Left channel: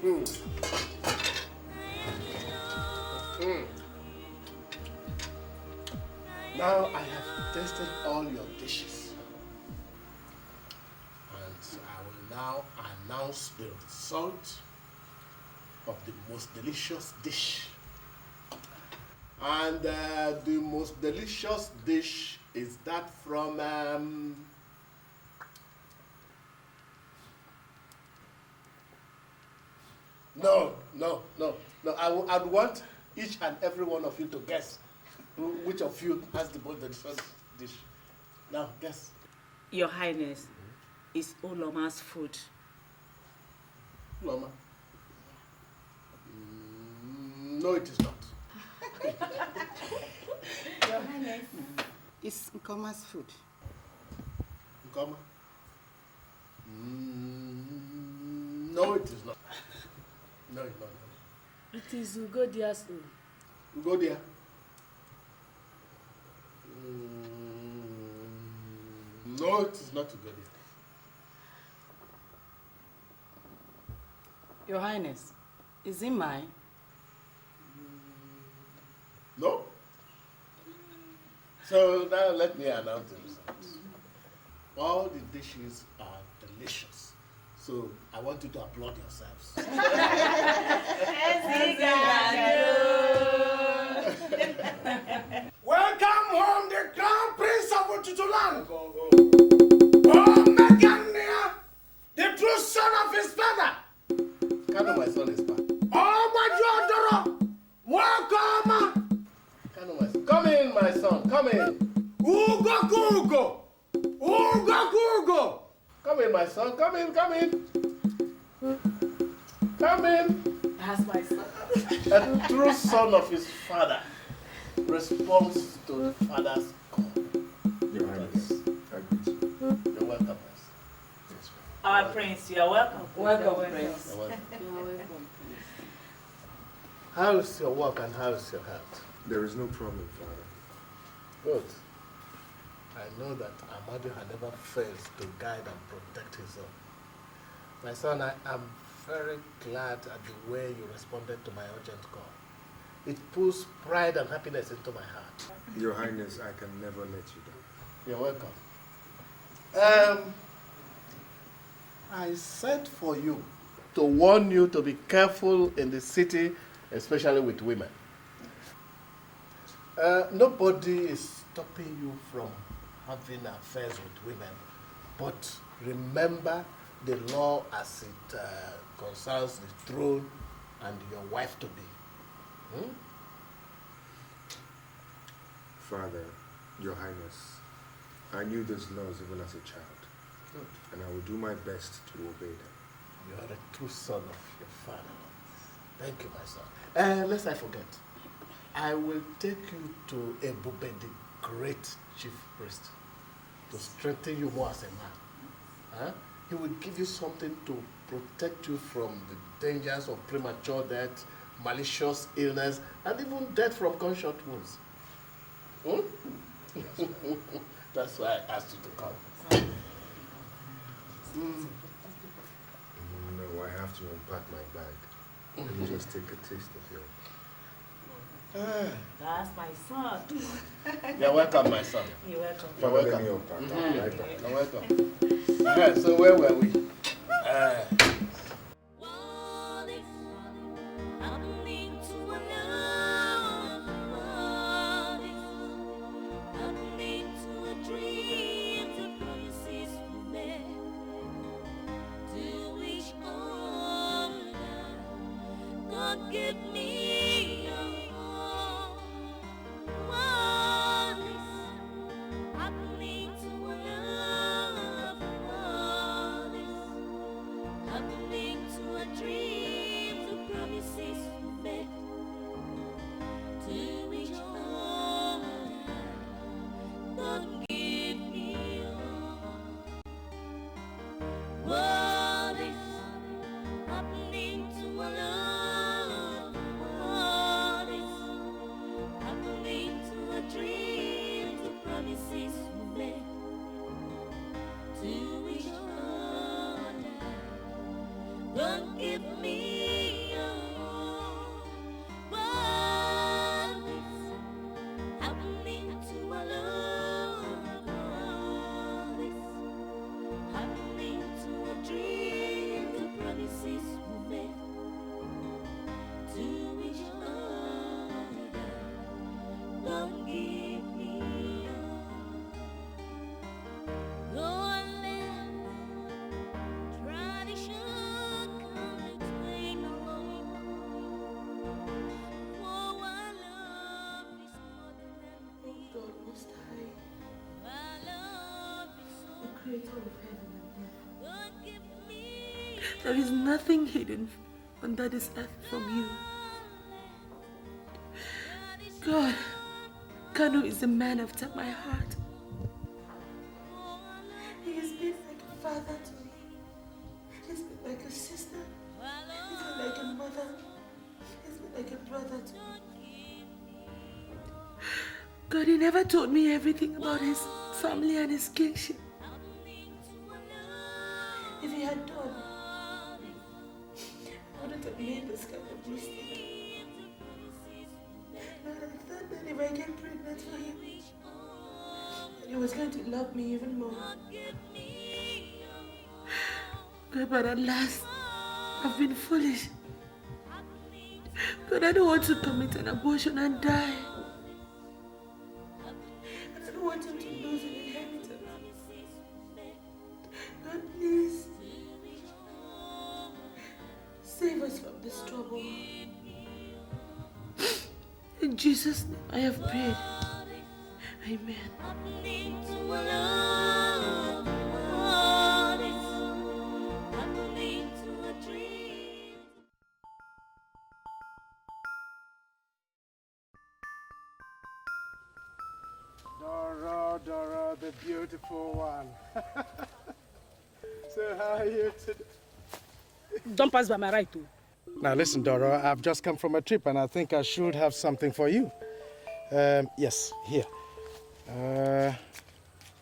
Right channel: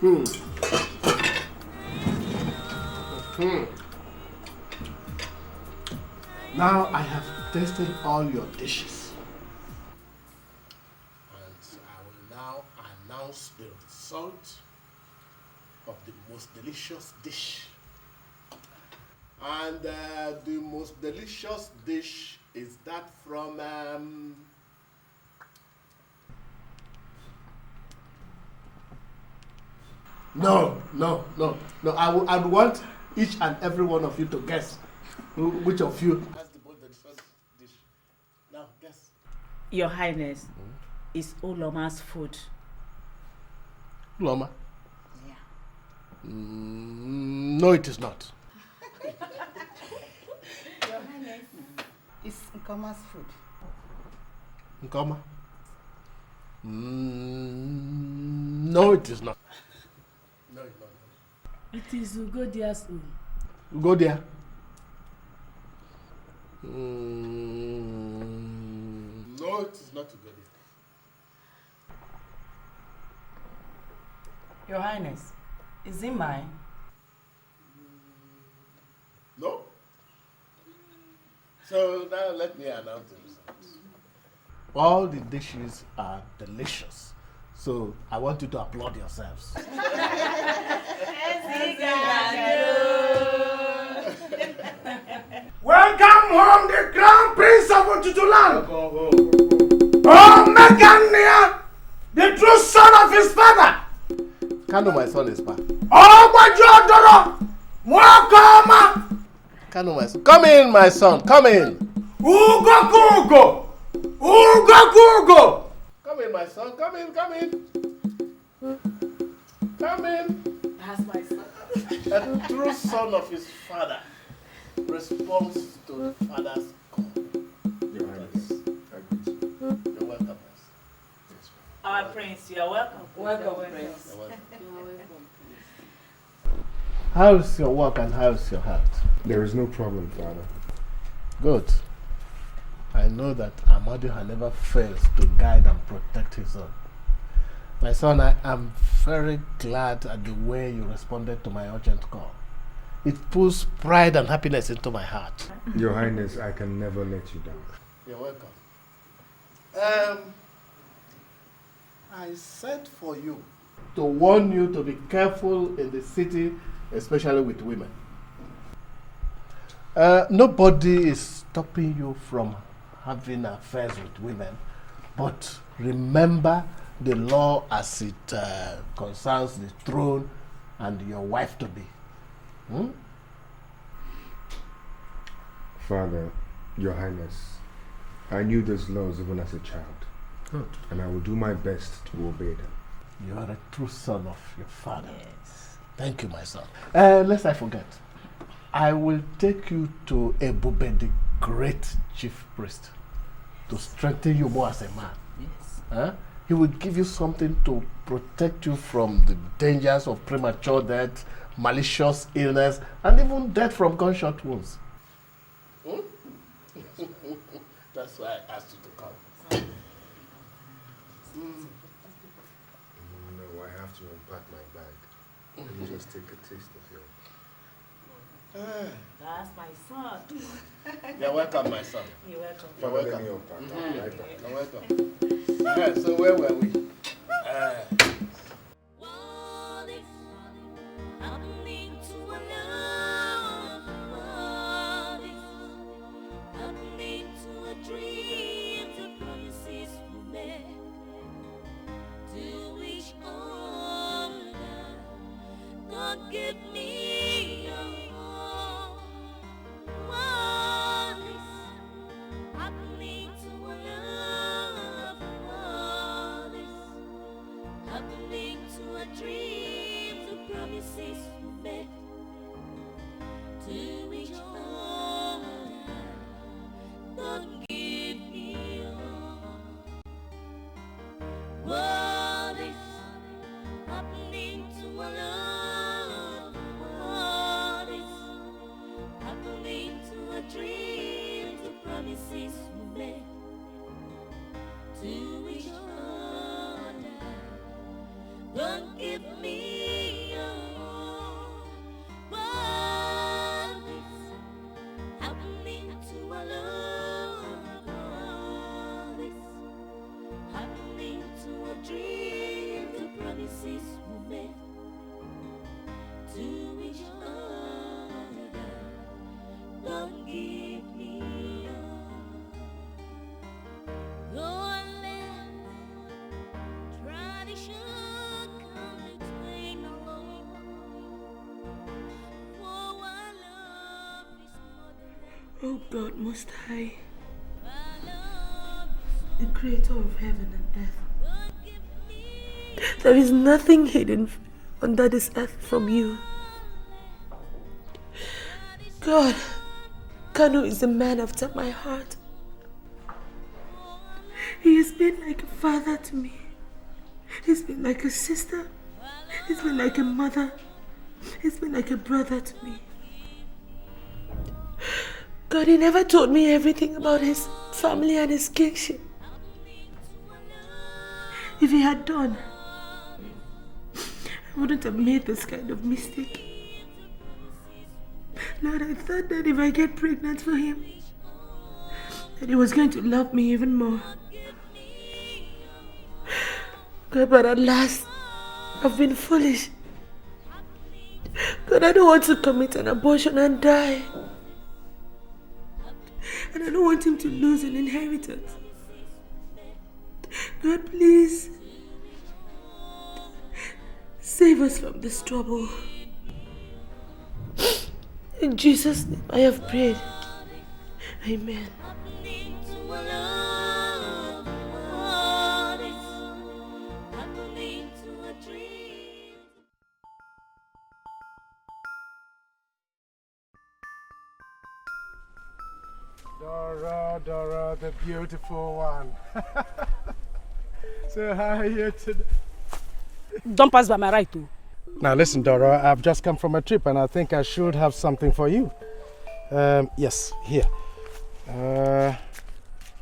Hmm. Hmm. Now I have tasted all your dishes. And I will now announce the result of the most delicious dish. And the most delicious dish is that from No. I'd want each and every one of you to guess which of you has the most delicious dish. Now, guess. Your Highness, is Uloma's food. Uloma? Yeah. No, it is not. Your Highness, it's Nkoma's food. Nkoma? No, it is not. No, it's not. It is Ugodia's own. Ugodia? No, it is not Ugodia. Your Highness, is it mine? No? So now let me announce the results. All the dishes are delicious. So I want you to applaud yourselves. Welcome home the Crown Prince of Ututu land. Oh, Megania, the true son of his father. Kalu, my son, is back. Oh, Bajodoro, Mwakoma. Kalu, my son. Come in, my son. Come in. Ugo. Come in, my son. Come in. Come in. That's my son. A true son of his father responds to the father's call. Your Highness, I greet you. You're welcome, my son. Our prince, you are welcome. Welcome, Prince. You're welcome. You're welcome, Prince. How's your work and how's your health? There is no problem, Father. Good. I know that Amadu never fails to guide and protect his own. My son, I am very glad at the way you responded to my urgent call. It puts pride and happiness into my heart. Your Highness, I can never let you down. You're welcome. I sent for you to warn you to be careful in the city, especially with women. Nobody is stopping you from having affairs with women, but remember the law as it concerns the throne and your wife to be. Father, Your Highness, I knew those laws even as a child. Good. And I will do my best to obey them. You are a true son of your father. Yes. Thank you, my son. Lest I forget, I will take you to Ebube, the great chief priest, to strengthen you more as a man. Yes. He will give you something to protect you from the dangers of premature death, malicious illness, and even death from gunshot wounds. That's why I asked you to come. No, I have to unpack my bag. Let me just take a taste of your... That's my son. You're welcome, my son. You're welcome. You're Father, welcome. let me unpack. I'll be right back. You're welcome. So where were we? Give me your all. What is happening to a love? What is happening? Most High, the Creator of heaven and earth. There is nothing hidden under this earth from you. God, Kalu is a man after my heart. He has been like a father to me. He's been like a sister. He's been like a mother. He's been like a brother to me. God, he never told me everything about his family and his kingship. If he had done, I wouldn't have made this kind of mistake. Lord, I thought that if I get pregnant for him, that he was going to love me even more. God, but at last, I've been foolish. God, I don't want to commit an abortion and die. And I don't want him to lose an inheritance. God, please, save us from this trouble. In Jesus' name I have prayed. Amen. Dora, the beautiful one. So how are you today? Don't pass by my right too. Now listen, Dora, I've just come from a trip and I think I should have something for you. Yes, here.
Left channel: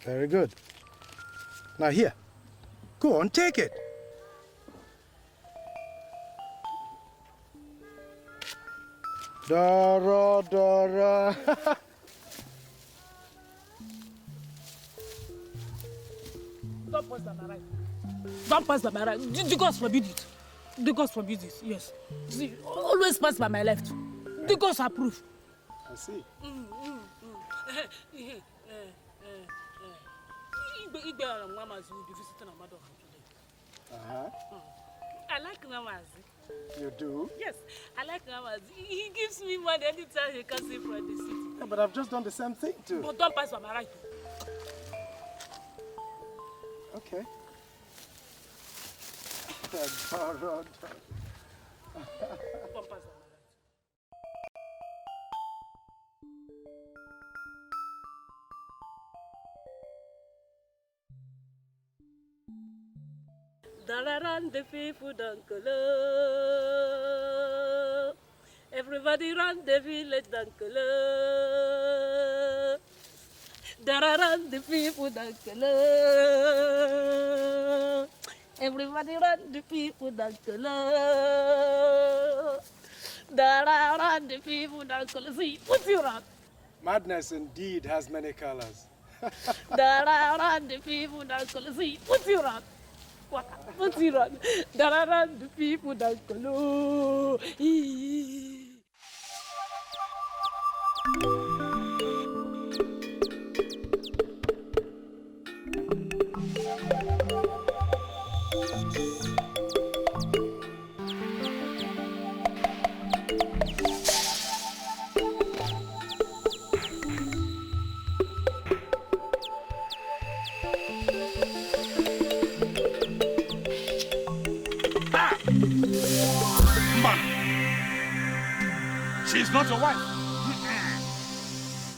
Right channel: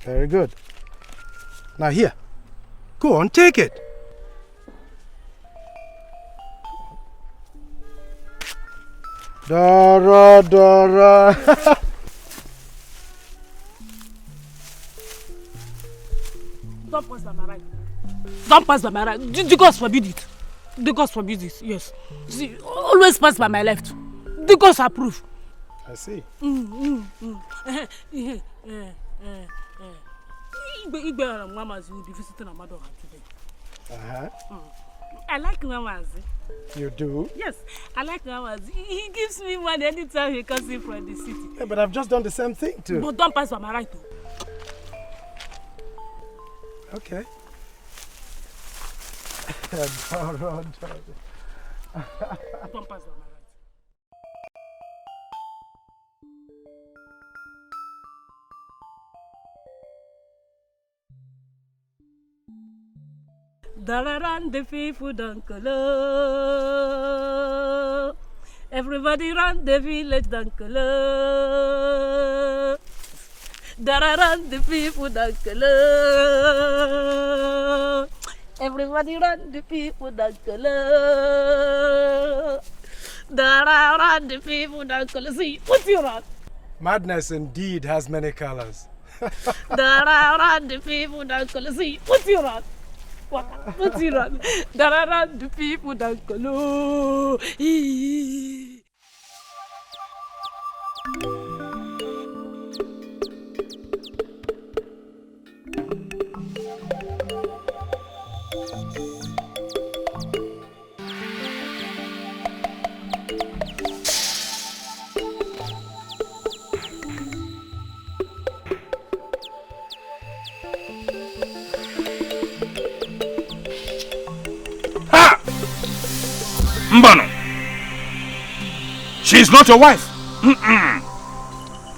Very good. Now here. Go on, take it. Dora. Don't pass by my right. Don't pass by my right. The gods forbid it. The gods forbid it, yes. See, always pass by my left. The gods approve. I see. Mama's will be visiting Mmadubogwu today. I like Mama's. You do? Yes, I like Mama's. He gives me money anytime he comes in from the city. Yeah, but I've just done the same thing too. But don't pass by my right too. Okay. Dora. Don't pass by my right. Dararan the people don't color. Everybody run the village don't color. Dararan the people don't color. Everybody run the people don't color. Dararan the people don't color. See, what's your run? Madness indeed has many colors. Dararan the people don't color. See, what's your run? What's your run? Dararan the people don't color. Mbano, she's not your wife.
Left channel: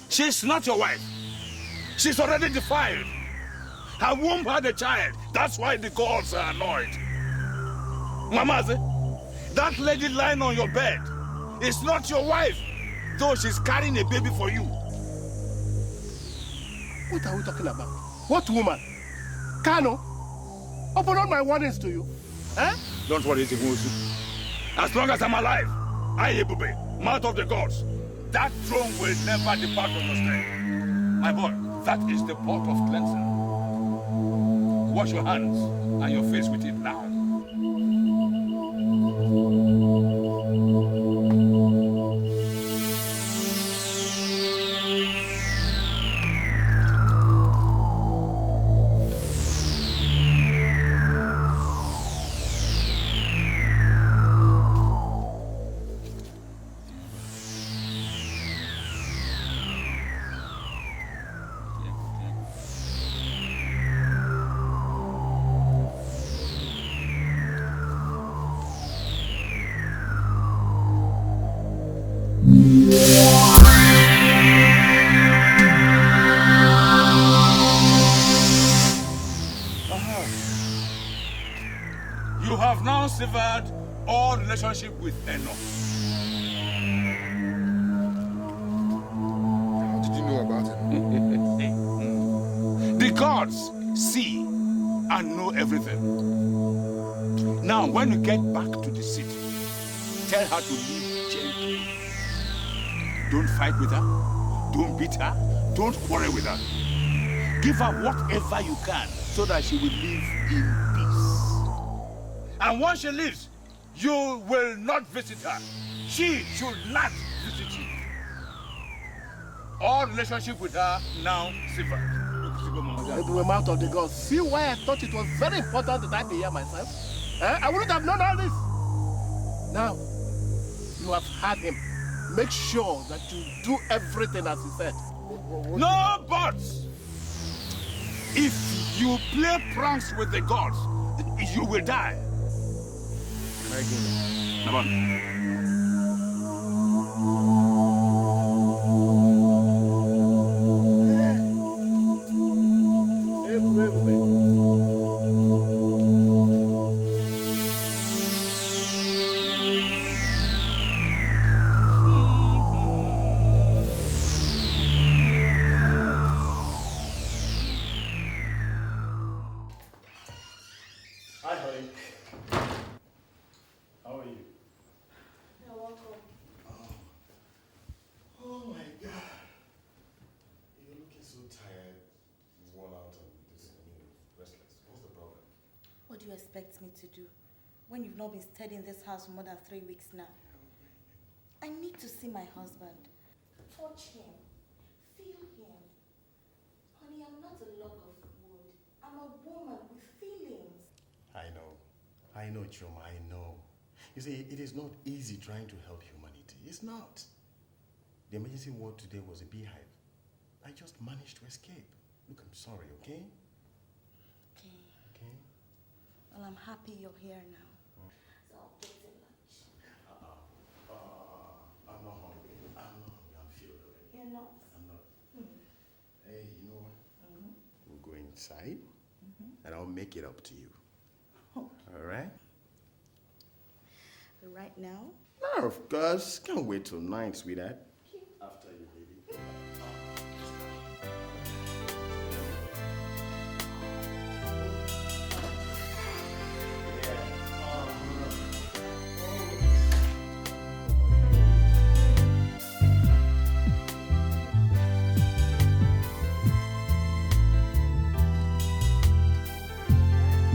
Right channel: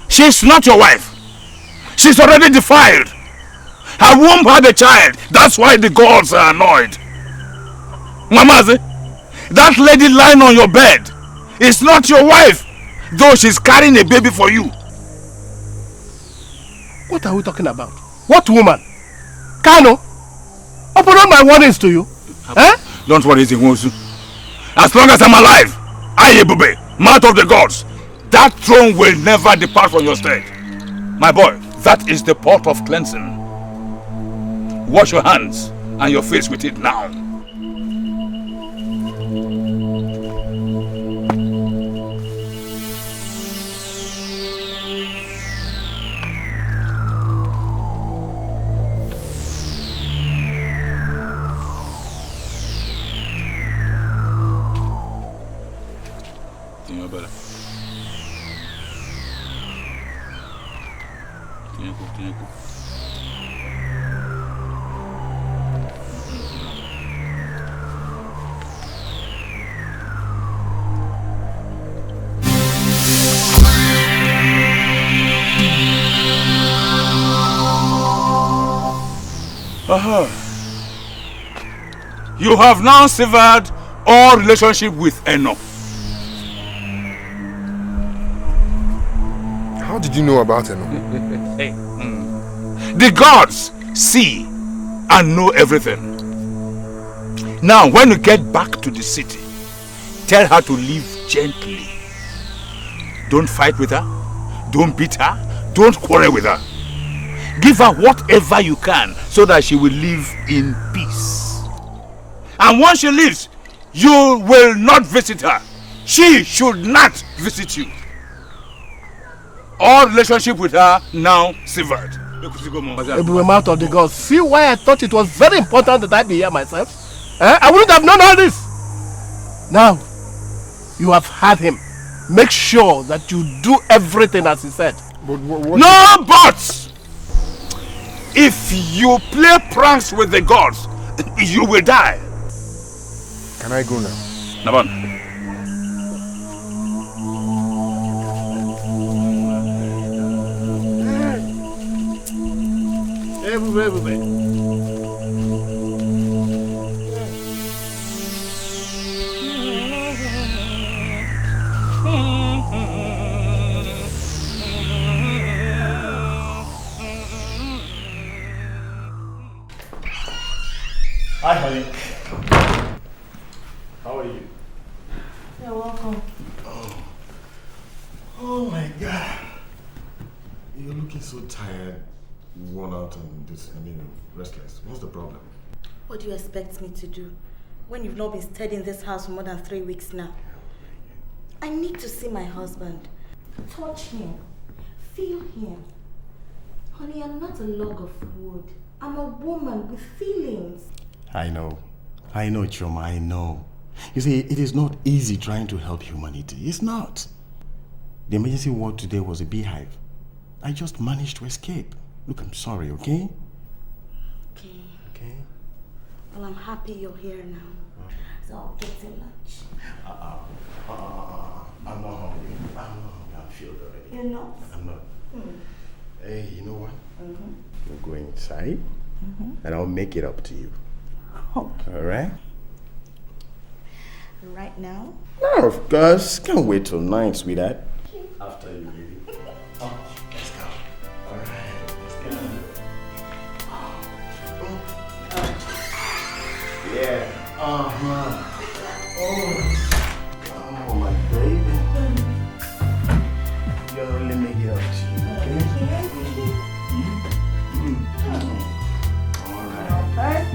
She's not your wife. She's already defiled. Her womb had a child. That's why the gods are annoyed. Mamaze, that lady lying on your bed is not your wife, though she's carrying a baby for you. What are we talking about? What woman? Kano? Open all my warnings to you. Eh? Don't worry, Zinwozu. As long as I'm alive, Ayebube, mouth of the gods, that throne will never depart from your stead. My boy, that is the pot of cleansing. Wash your hands and your face with it now. You have now severed all relationship with Eno. How did you know about Eno? The gods see and know everything. Now, when you get back to the city, tell her to live gently. Don't fight with her. Don't beat her. Don't quarrel with her. Give her whatever you can so that she will live in peace. And once she leaves, you will not visit her. She should not visit you. All relationship with her now severed. I'm out of the gods. See why I thought it was very important that I be here myself? I wouldn't have known all this. Now, you have had him. Make sure that you do everything as he said. But No buts! If you play pranks with the gods, you will die. Can I go now? Naban. Everybody. Hi, honey. How are you? You're welcome. Oh my God. You're looking so tired, worn out, and restless. What's the problem? What do you expect me to do when you've not been staying in this house for more than 3 weeks now? I need to see my husband. Touch him. Feel him. Honey, I'm not a log of wood. I'm a woman with feelings. I know, Choma, I know. You see, it is not easy trying to help humanity. It's not. The emergency ward today was a beehive. I just managed to escape. Look, I'm sorry, okay? Okay. Okay? Well, I'm happy you're here now. So I'll get you lunch. I'm not hungry. I'm filled already. You're not? I'm not. Hey, you know what? We'll go inside and I'll make it up to you. Okay. All right? Right now? No, of course. Can't wait till 9, sweetheart. After you leave. Oh, let's go. All right. Let's get on. Yeah. Oh, my baby. You're really making it up to you, okay? All right.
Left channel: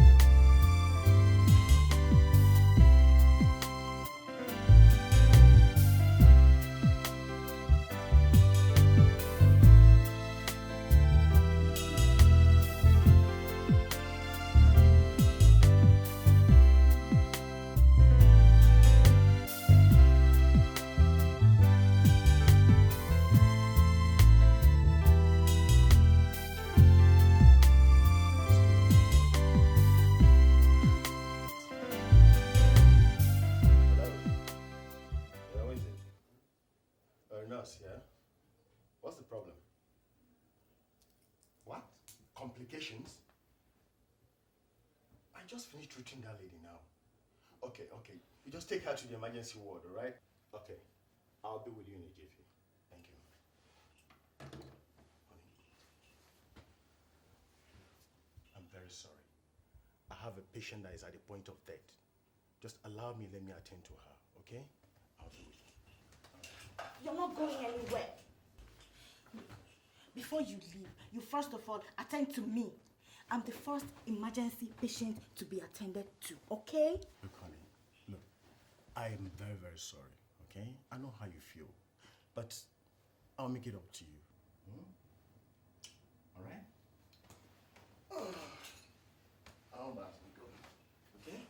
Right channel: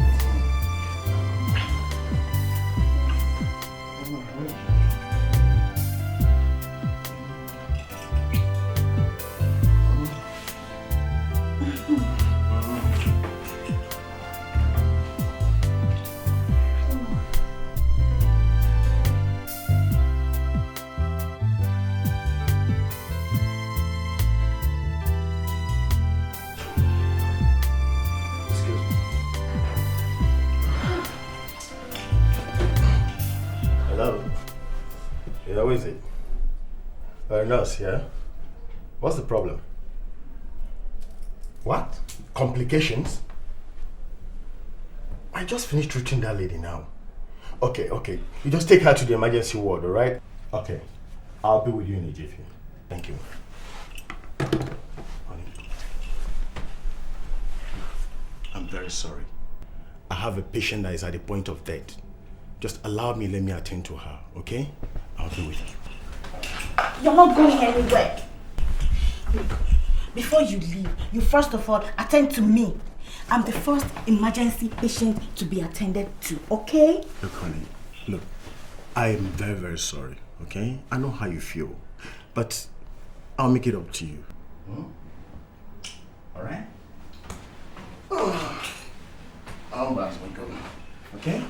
How is it? Nurse, yeah? What's the problem? What? Complications? I just finished treating that lady now. Okay. You just take her to the emergency ward, alright? Okay. I'll be with you in a jiffy. Thank you. Honey. I'm very sorry. I have a patient that is at the point of death. Just let me attend to her, okay? I'll be with you. You're not going anywhere. Look, before you leave, you first of all attend to me. I'm the first emergency patient to be attended to, okay? Look, honey, look, I am very, very sorry, okay? I know how you feel, but I'll make it up to you. All right? I'll pass my go, okay?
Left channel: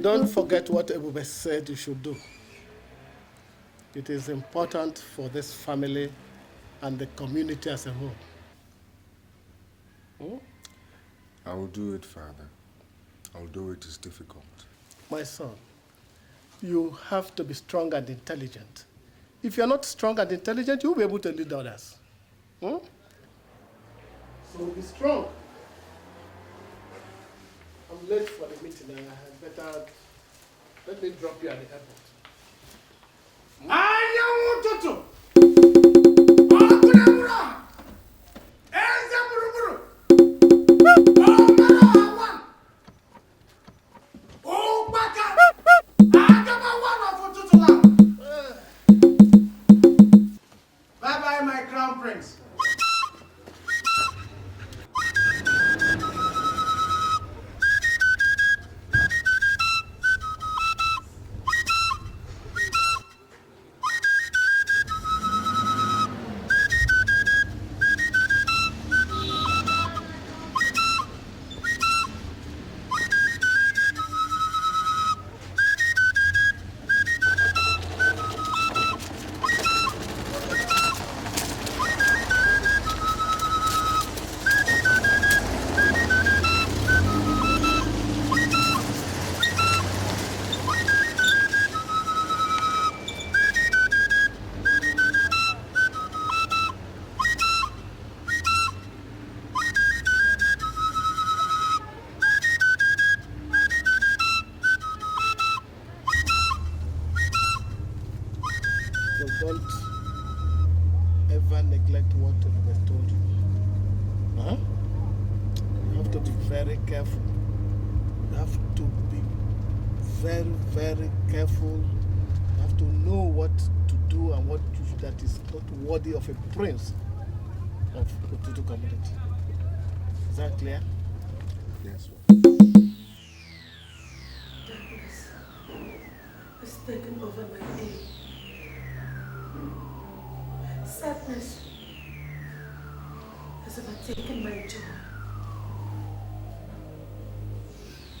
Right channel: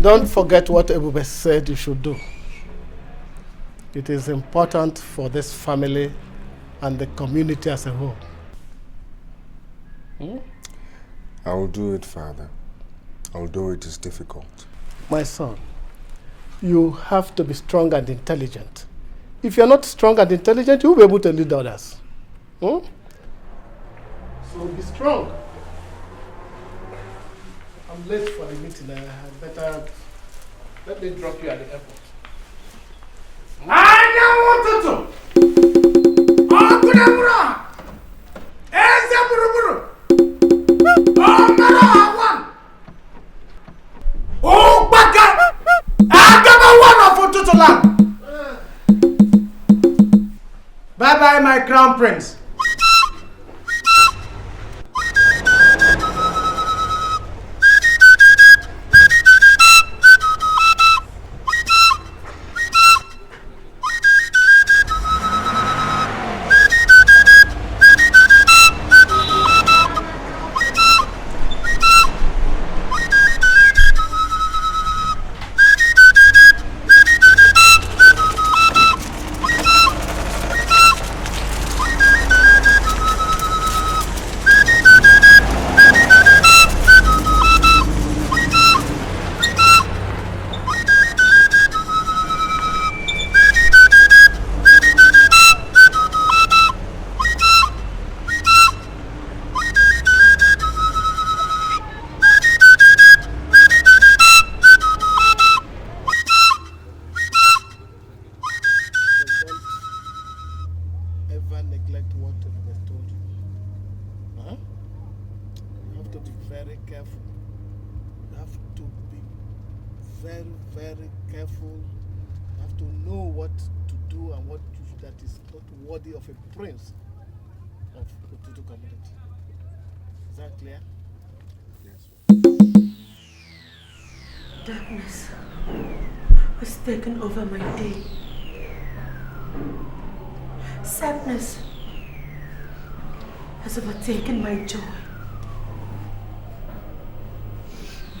Don't forget what Ebube said you should do. It is important for this family and the community as a whole. I will do it, Father. Although it is difficult. My son, you have to be strong and intelligent. If you're not strong and intelligent, you will be able to lead others. So be strong. I'm late for the meeting. I better let me drop you at the airport. Ututu! Bye-bye, my crown prince. Of a prince of Ututu community. Is that clear? Yes. Darkness has taken over my day. Sadness has overtaken my joy.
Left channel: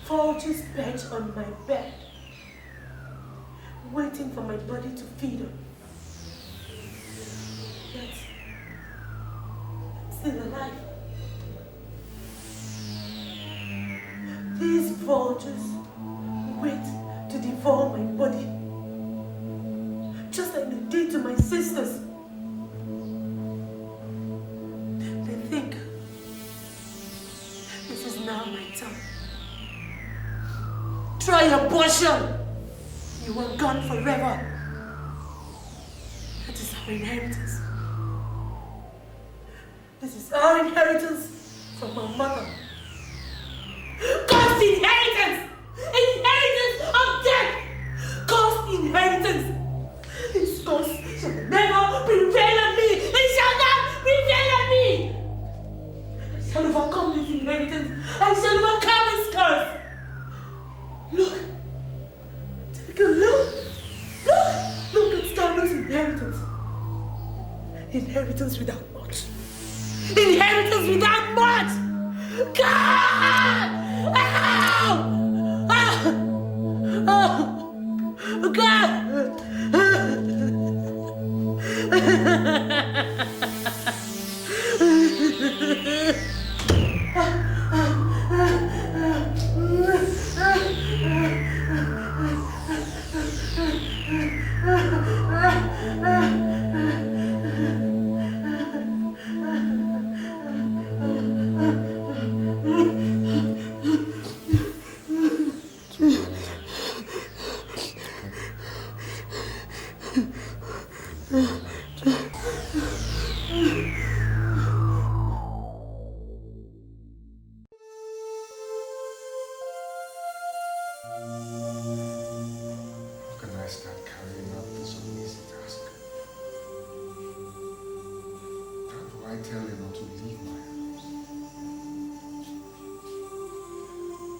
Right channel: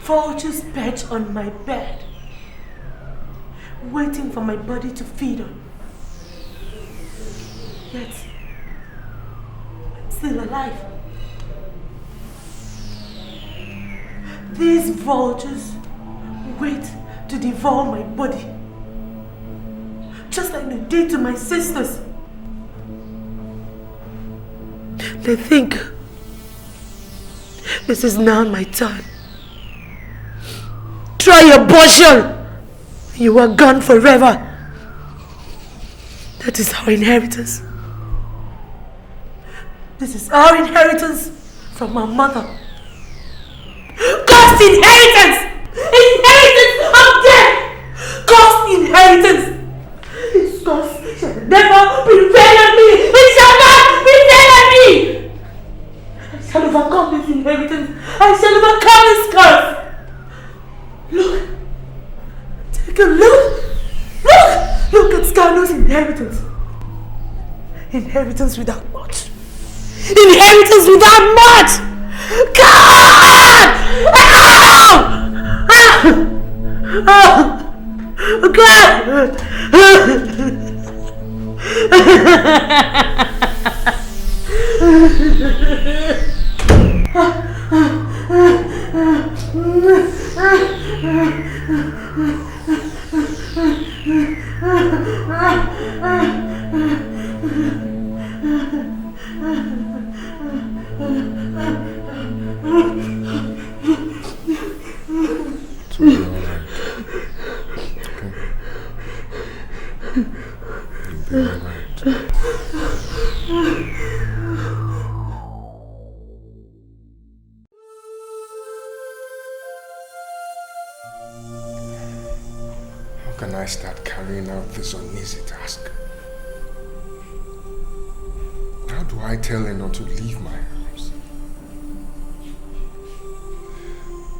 Vultures perch on my bed, waiting for my body to feed on. Yet, I'm still alive. These vultures wait to devour my body, just like they did to my sisters. They think this is now my turn. Try abortion! You are gone forever. That is our inheritance. This is our inheritance from our mother. God's inheritance! Inheritance of death! God's inheritance! His curse shall never prevail on me! It shall not prevail on me! I shall overcome this inheritance. I shall overcome this curse. Look. Take a look. Look at Kalu's inheritance. Inheritance without much. Inheritance without much! God! How can I start carrying out this uneasy task? How do I tell her not to leave my house?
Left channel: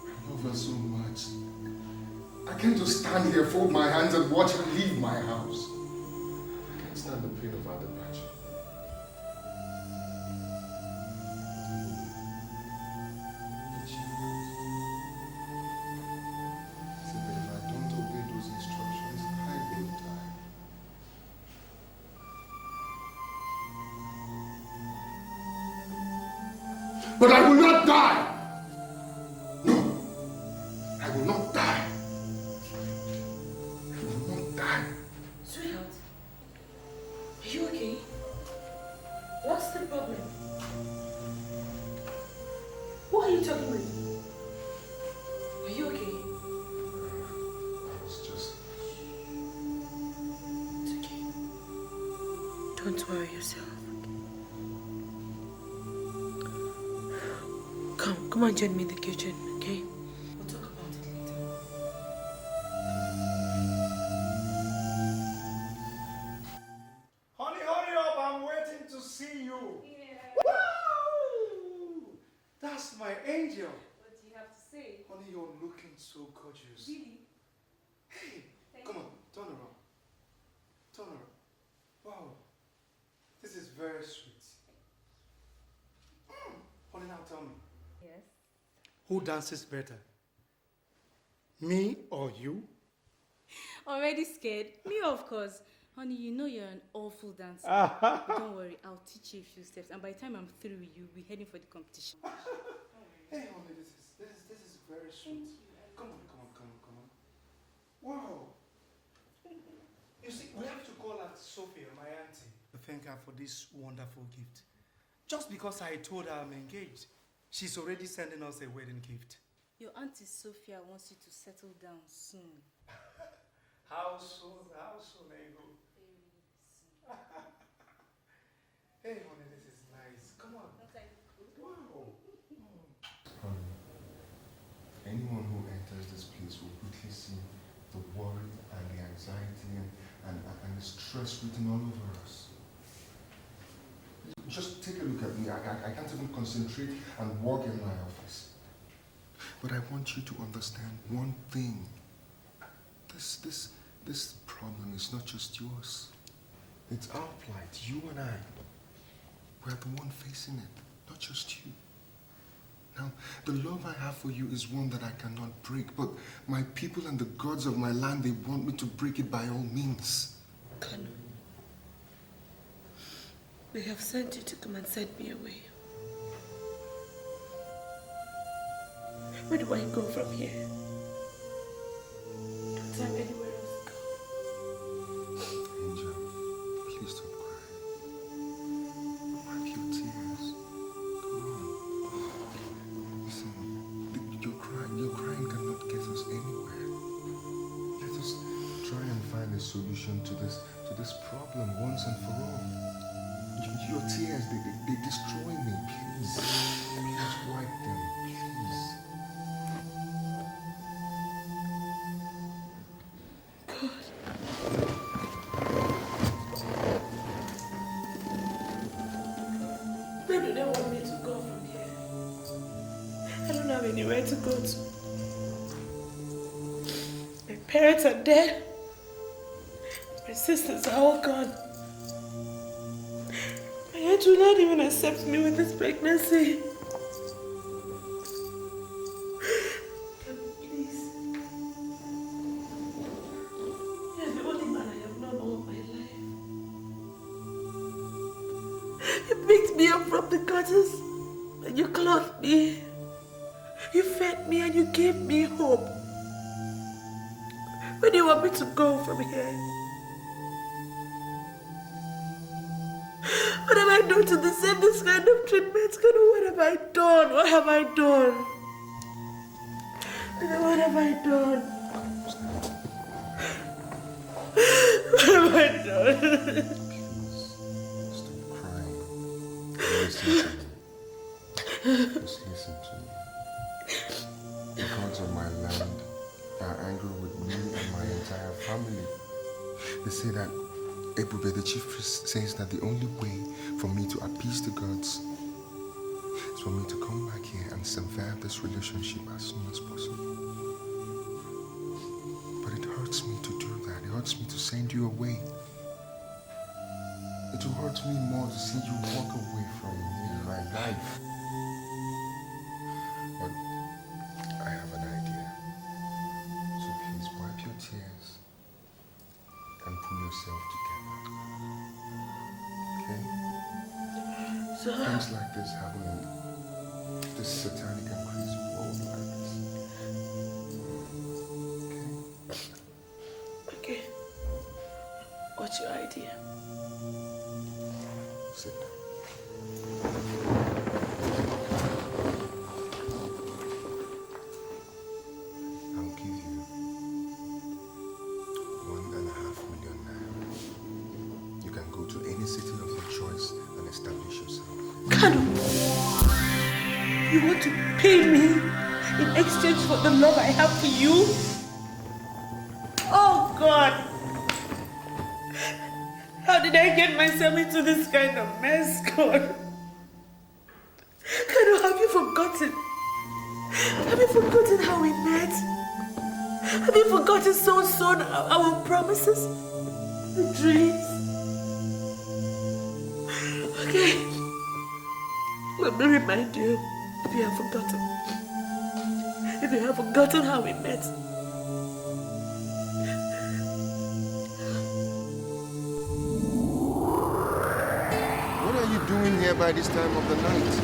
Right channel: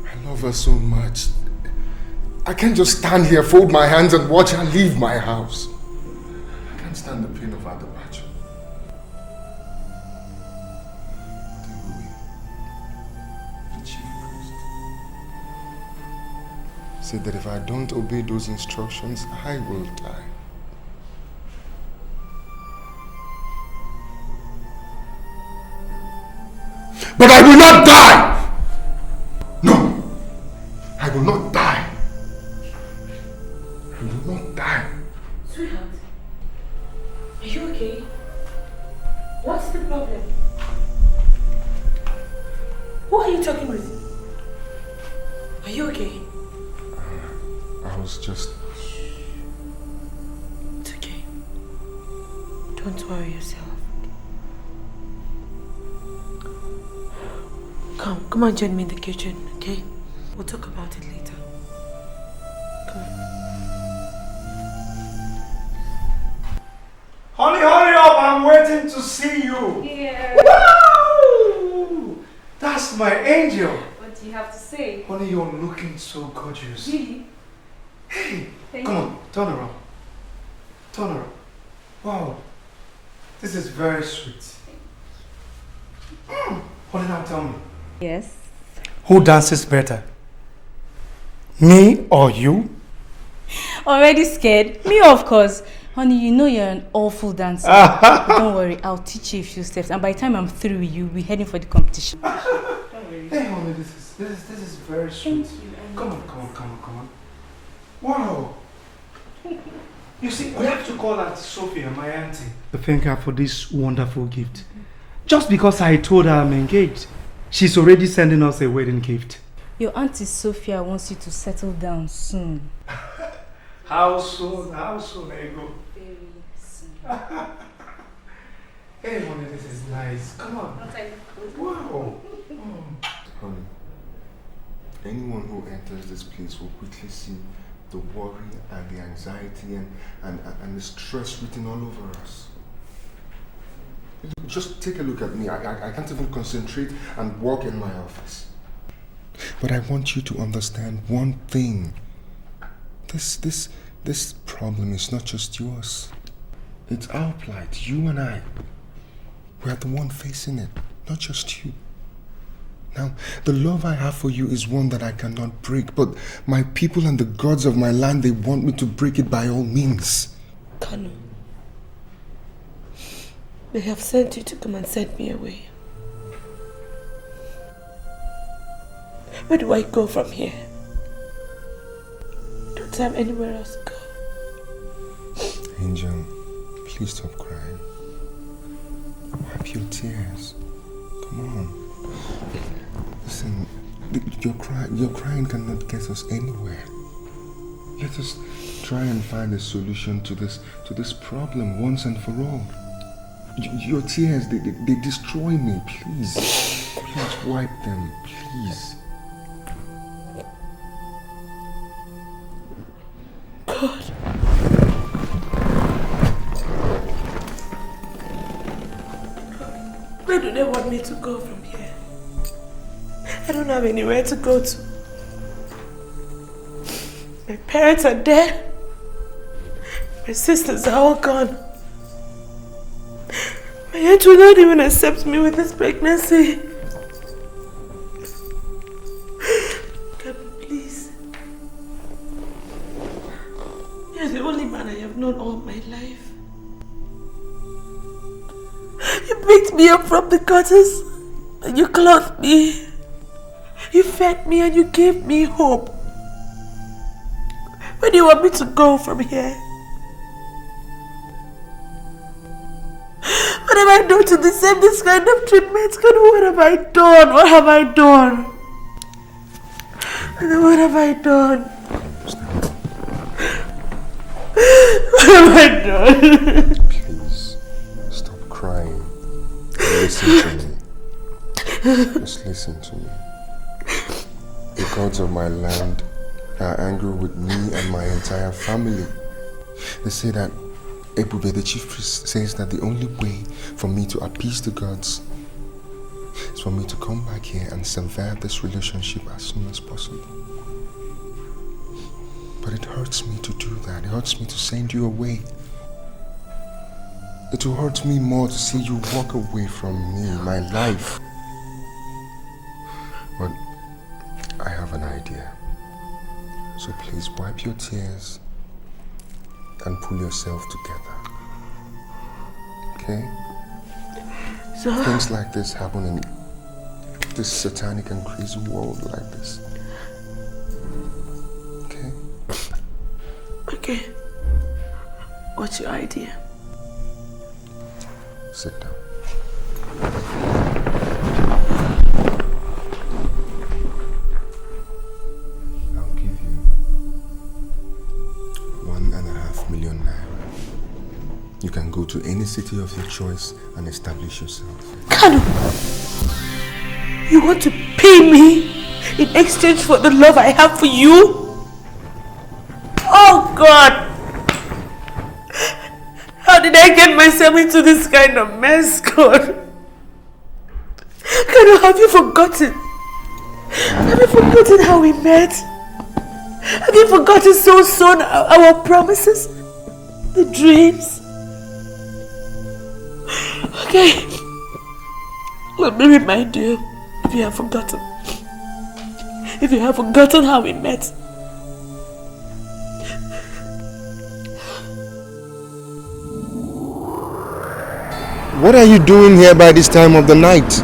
I love her so much. I can't just stand here, fold my hands and watch her leave my house. I can't understand the pain of our departure. The chief priest said that if I don't obey those instructions, I will die. But I will not die! No! I will not die! I will not die! Sweetheart, are you okay? What's the problem? Who are you talking with? Are you okay? I was just... It's okay. Don't worry yourself. Come on, join me in the kitchen, okay? We'll talk about it later. Come on. Honey, hurry up! I'm waiting to see you. Yeah. Wow! That's my angel. What do you have to say? Honey, you're looking so gorgeous. Really? Hey, Thank come you. on, turn around. Turn around. Wow, this is very sweet. Honey, now tell me. Yes. Who dances better? Me or you? Already scared? Me, of course. Honey, you know you're an awful dancer. But don't worry, I'll teach you a few steps, and by the time I'm through with you, we're heading for the competition. Hey, honey, this is very sweet. Come on. Wow. You see, we have to call Auntie Sophia, my auntie, to thank her for this wonderful gift. Just because I told her I'm engaged, she's already sending us a wedding gift. Your Auntie Sophia wants you to settle down soon. How soon, Ego? Very soon. Hey, honey, this is nice. Come on. Wow. Honey, anyone who enters this place will quickly see the worry and the anxiety and the stress written all over us. Just take a look at me. I can't even concentrate and work in my office. But I want you to understand one thing. This problem is not just yours. It's our plight, you and I. We are the one facing it, not just you. Now, the love I have for you is one that I cannot break, but my people and the gods of my land, they want me to break it by all means. Kalu, they have sent you to come and send me away. Where do I go from here? Don't I have anywhere else to go? Angel, please stop crying. Wipe your tears. Come on. Listen, your crying cannot get us anywhere. Let us try and find a solution to this problem once and for all. Your tears, they destroy me. Please wipe them, please. God. Where do they want me to go from here? I don't have anywhere to go to. My parents are dead. My sisters are all gone. My aunt will not even accept me with this pregnancy. Please. You're the only man I have known all my life. You picked me up from the gutters and you clothed me. You fed me and you gave me hope. Where do you want me to go from here? What have I done to deserve this kind of treatment? What have I done? What have I done? What have I done? What have I done? Please, stop crying. Listen to me. Just listen to me. The gods of my land are angry with me and my entire family. They say that Ebube, the chief priest, says that the only way for me to appease the gods is for me to come back here and survive this relationship as soon as possible. But it hurts me to do that. It hurts me to send you away. It will hurt me more to see you walk away from me, my life. But I have an idea. So please wipe your tears and pull yourself together. Okay? So things like this happen in this satanic and crazy world like this. Okay? Okay. What's your idea? Sit down. I'll give you 1.5 million naira. You can go to any city of your choice and establish yourself. Kalu, you want to pay me in exchange for the love I have for you? Oh God! How did I get myself into this kind of mess, God? Kalu, have you forgotten? Have you forgotten how we met? Have you forgotten so soon our promises? The dreams? Okay. Let me remind you, if you have forgotten. If you have forgotten how we met. What are you doing here by this time of the night?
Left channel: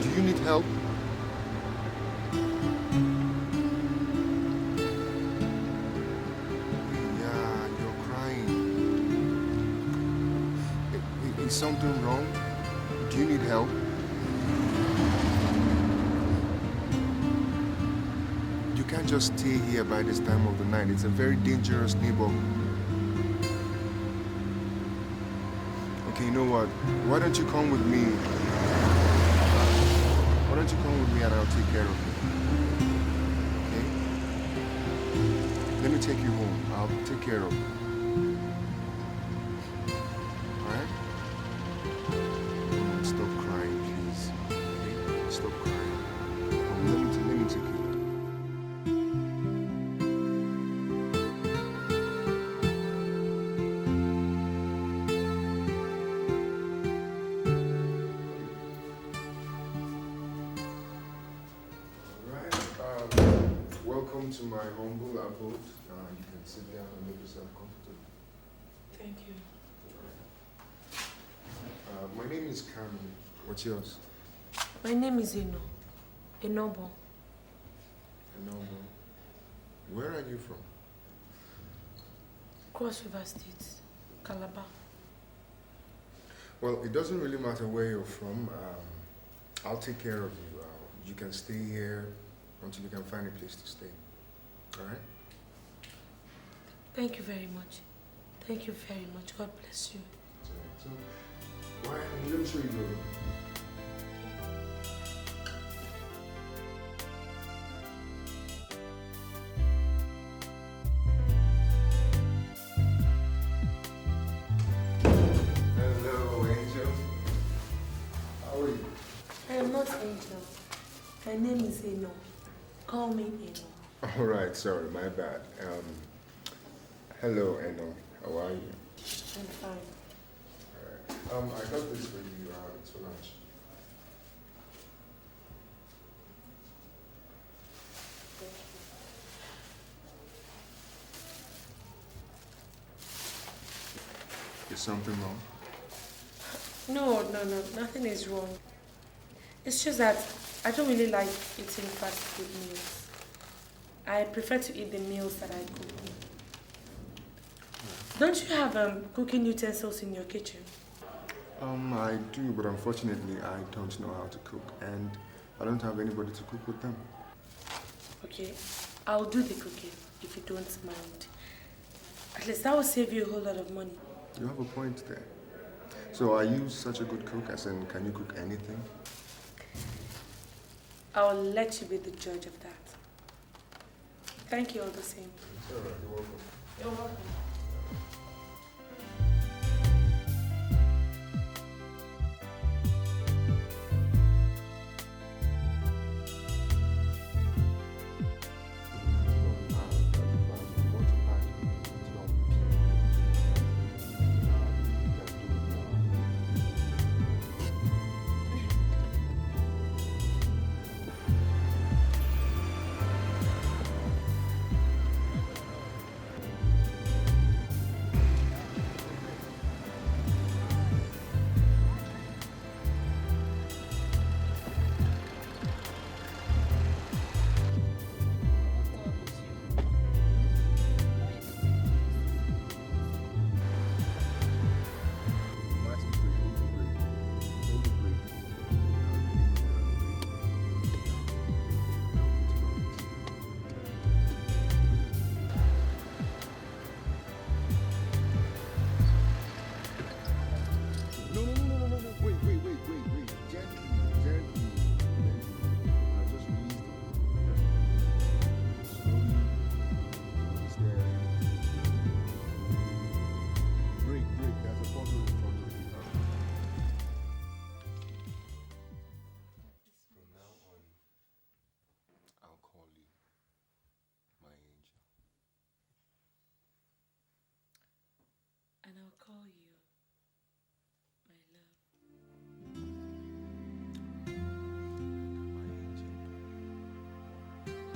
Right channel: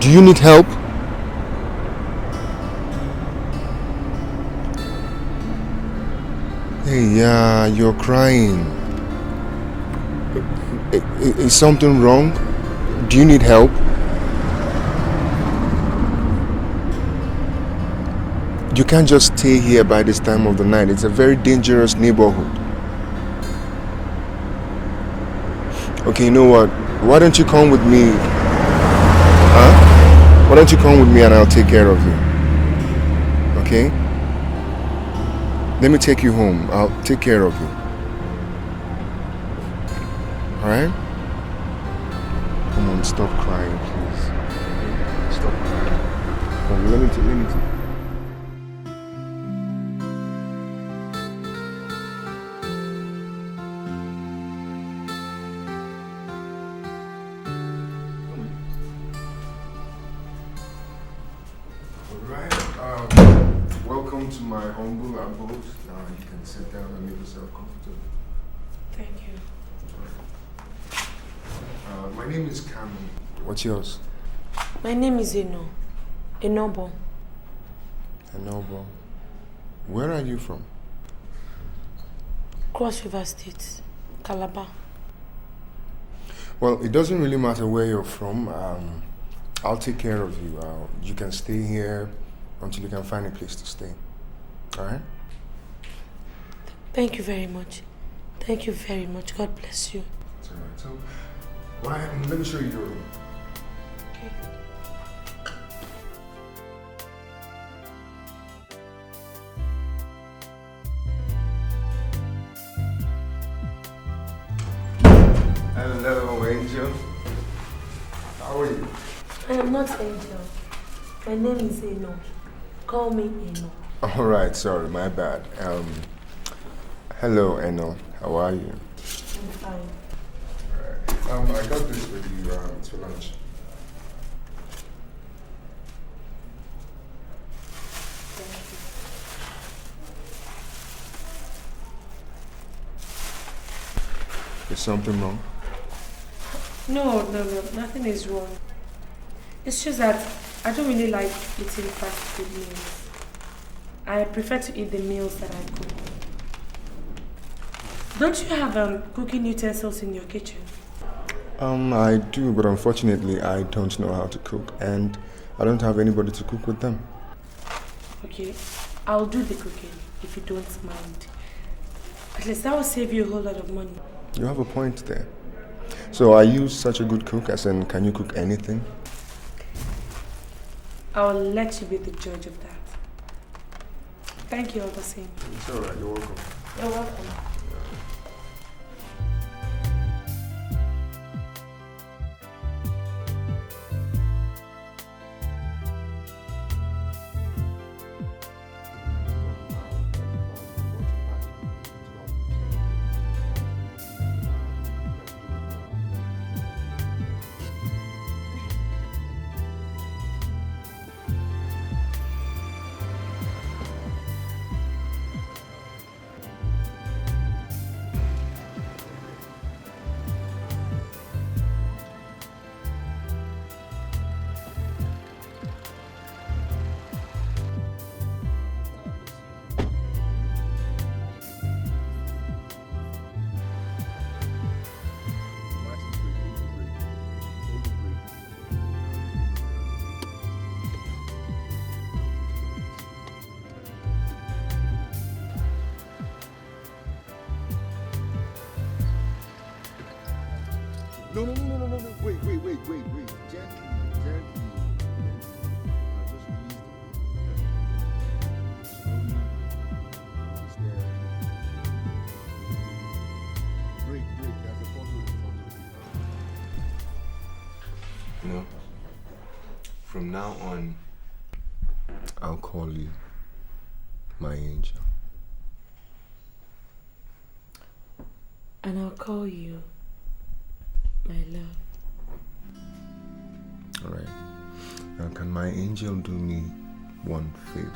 Do you need help? Hey, yeah, you're crying. Is something wrong? Do you need help? You can't just stay here by this time of the night. It's a very dangerous neighborhood. Okay, you know what? Why don't you come with me? Huh? Why don't you come with me and I'll take care of you? Okay? Let me take you home. I'll take care of you. Alright? Come on, stop crying, please. Stop crying. Come, let me take. Welcome to my humble abode. Now you can sit down and make yourself comfortable. Thank you. My name is Kalu. What's yours? My name is Enobo. Enobo. Where are you from? Cross River State, Calabar. Well, it doesn't really matter where you're from. I'll take care of you. You can stay here until you can find a place to stay. Alright? Thank you very much. Thank you very much. God bless you. It's alright. So, let me show you your room. Hello, Angel. How are you? I am not Angel. My name is Eno. Call me Eno. Alright, sorry, my bad. Hello, Eno. How are you? I'm fine. Alright. I got this for you. It's for lunch. Is something wrong? No, nothing is wrong. It's just that I don't really like eating fast food meals. I prefer to eat the meals that I cook. Don't you have cooking utensils in your kitchen? I do, but unfortunately I don't know how to cook and I don't have anybody to cook with them. Okay, I'll do the cooking if you don't mind. At least that will save you a whole lot of money. You have a point there. So are you such a good cook, as in can you cook anything? I'll let you be the judge of that. Thank you all the same. It's alright, you're welcome. You're welcome. From now on, I'll call you my angel. And I'll call you my love. Alright. Now, can my angel do me one favor?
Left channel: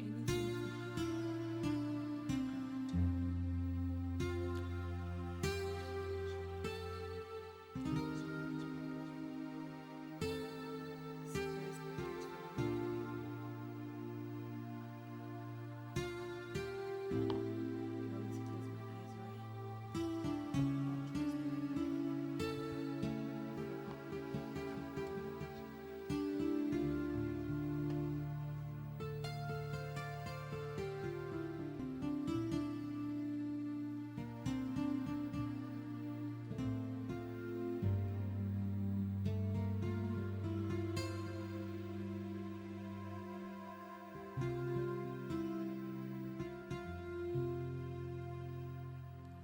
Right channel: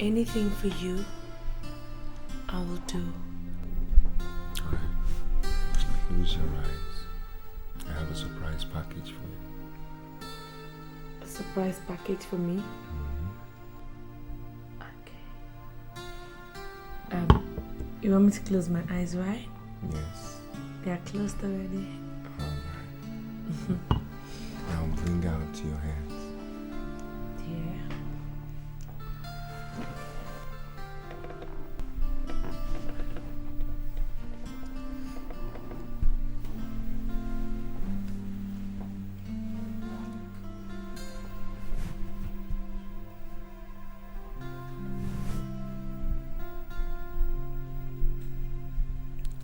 Anything for you, I will do. Alright. Close your eyes. I have a surprise package for you. A surprise package for me? Okay. You want me to close my eyes, right? Yes. They are closed already. Now bring out your hands.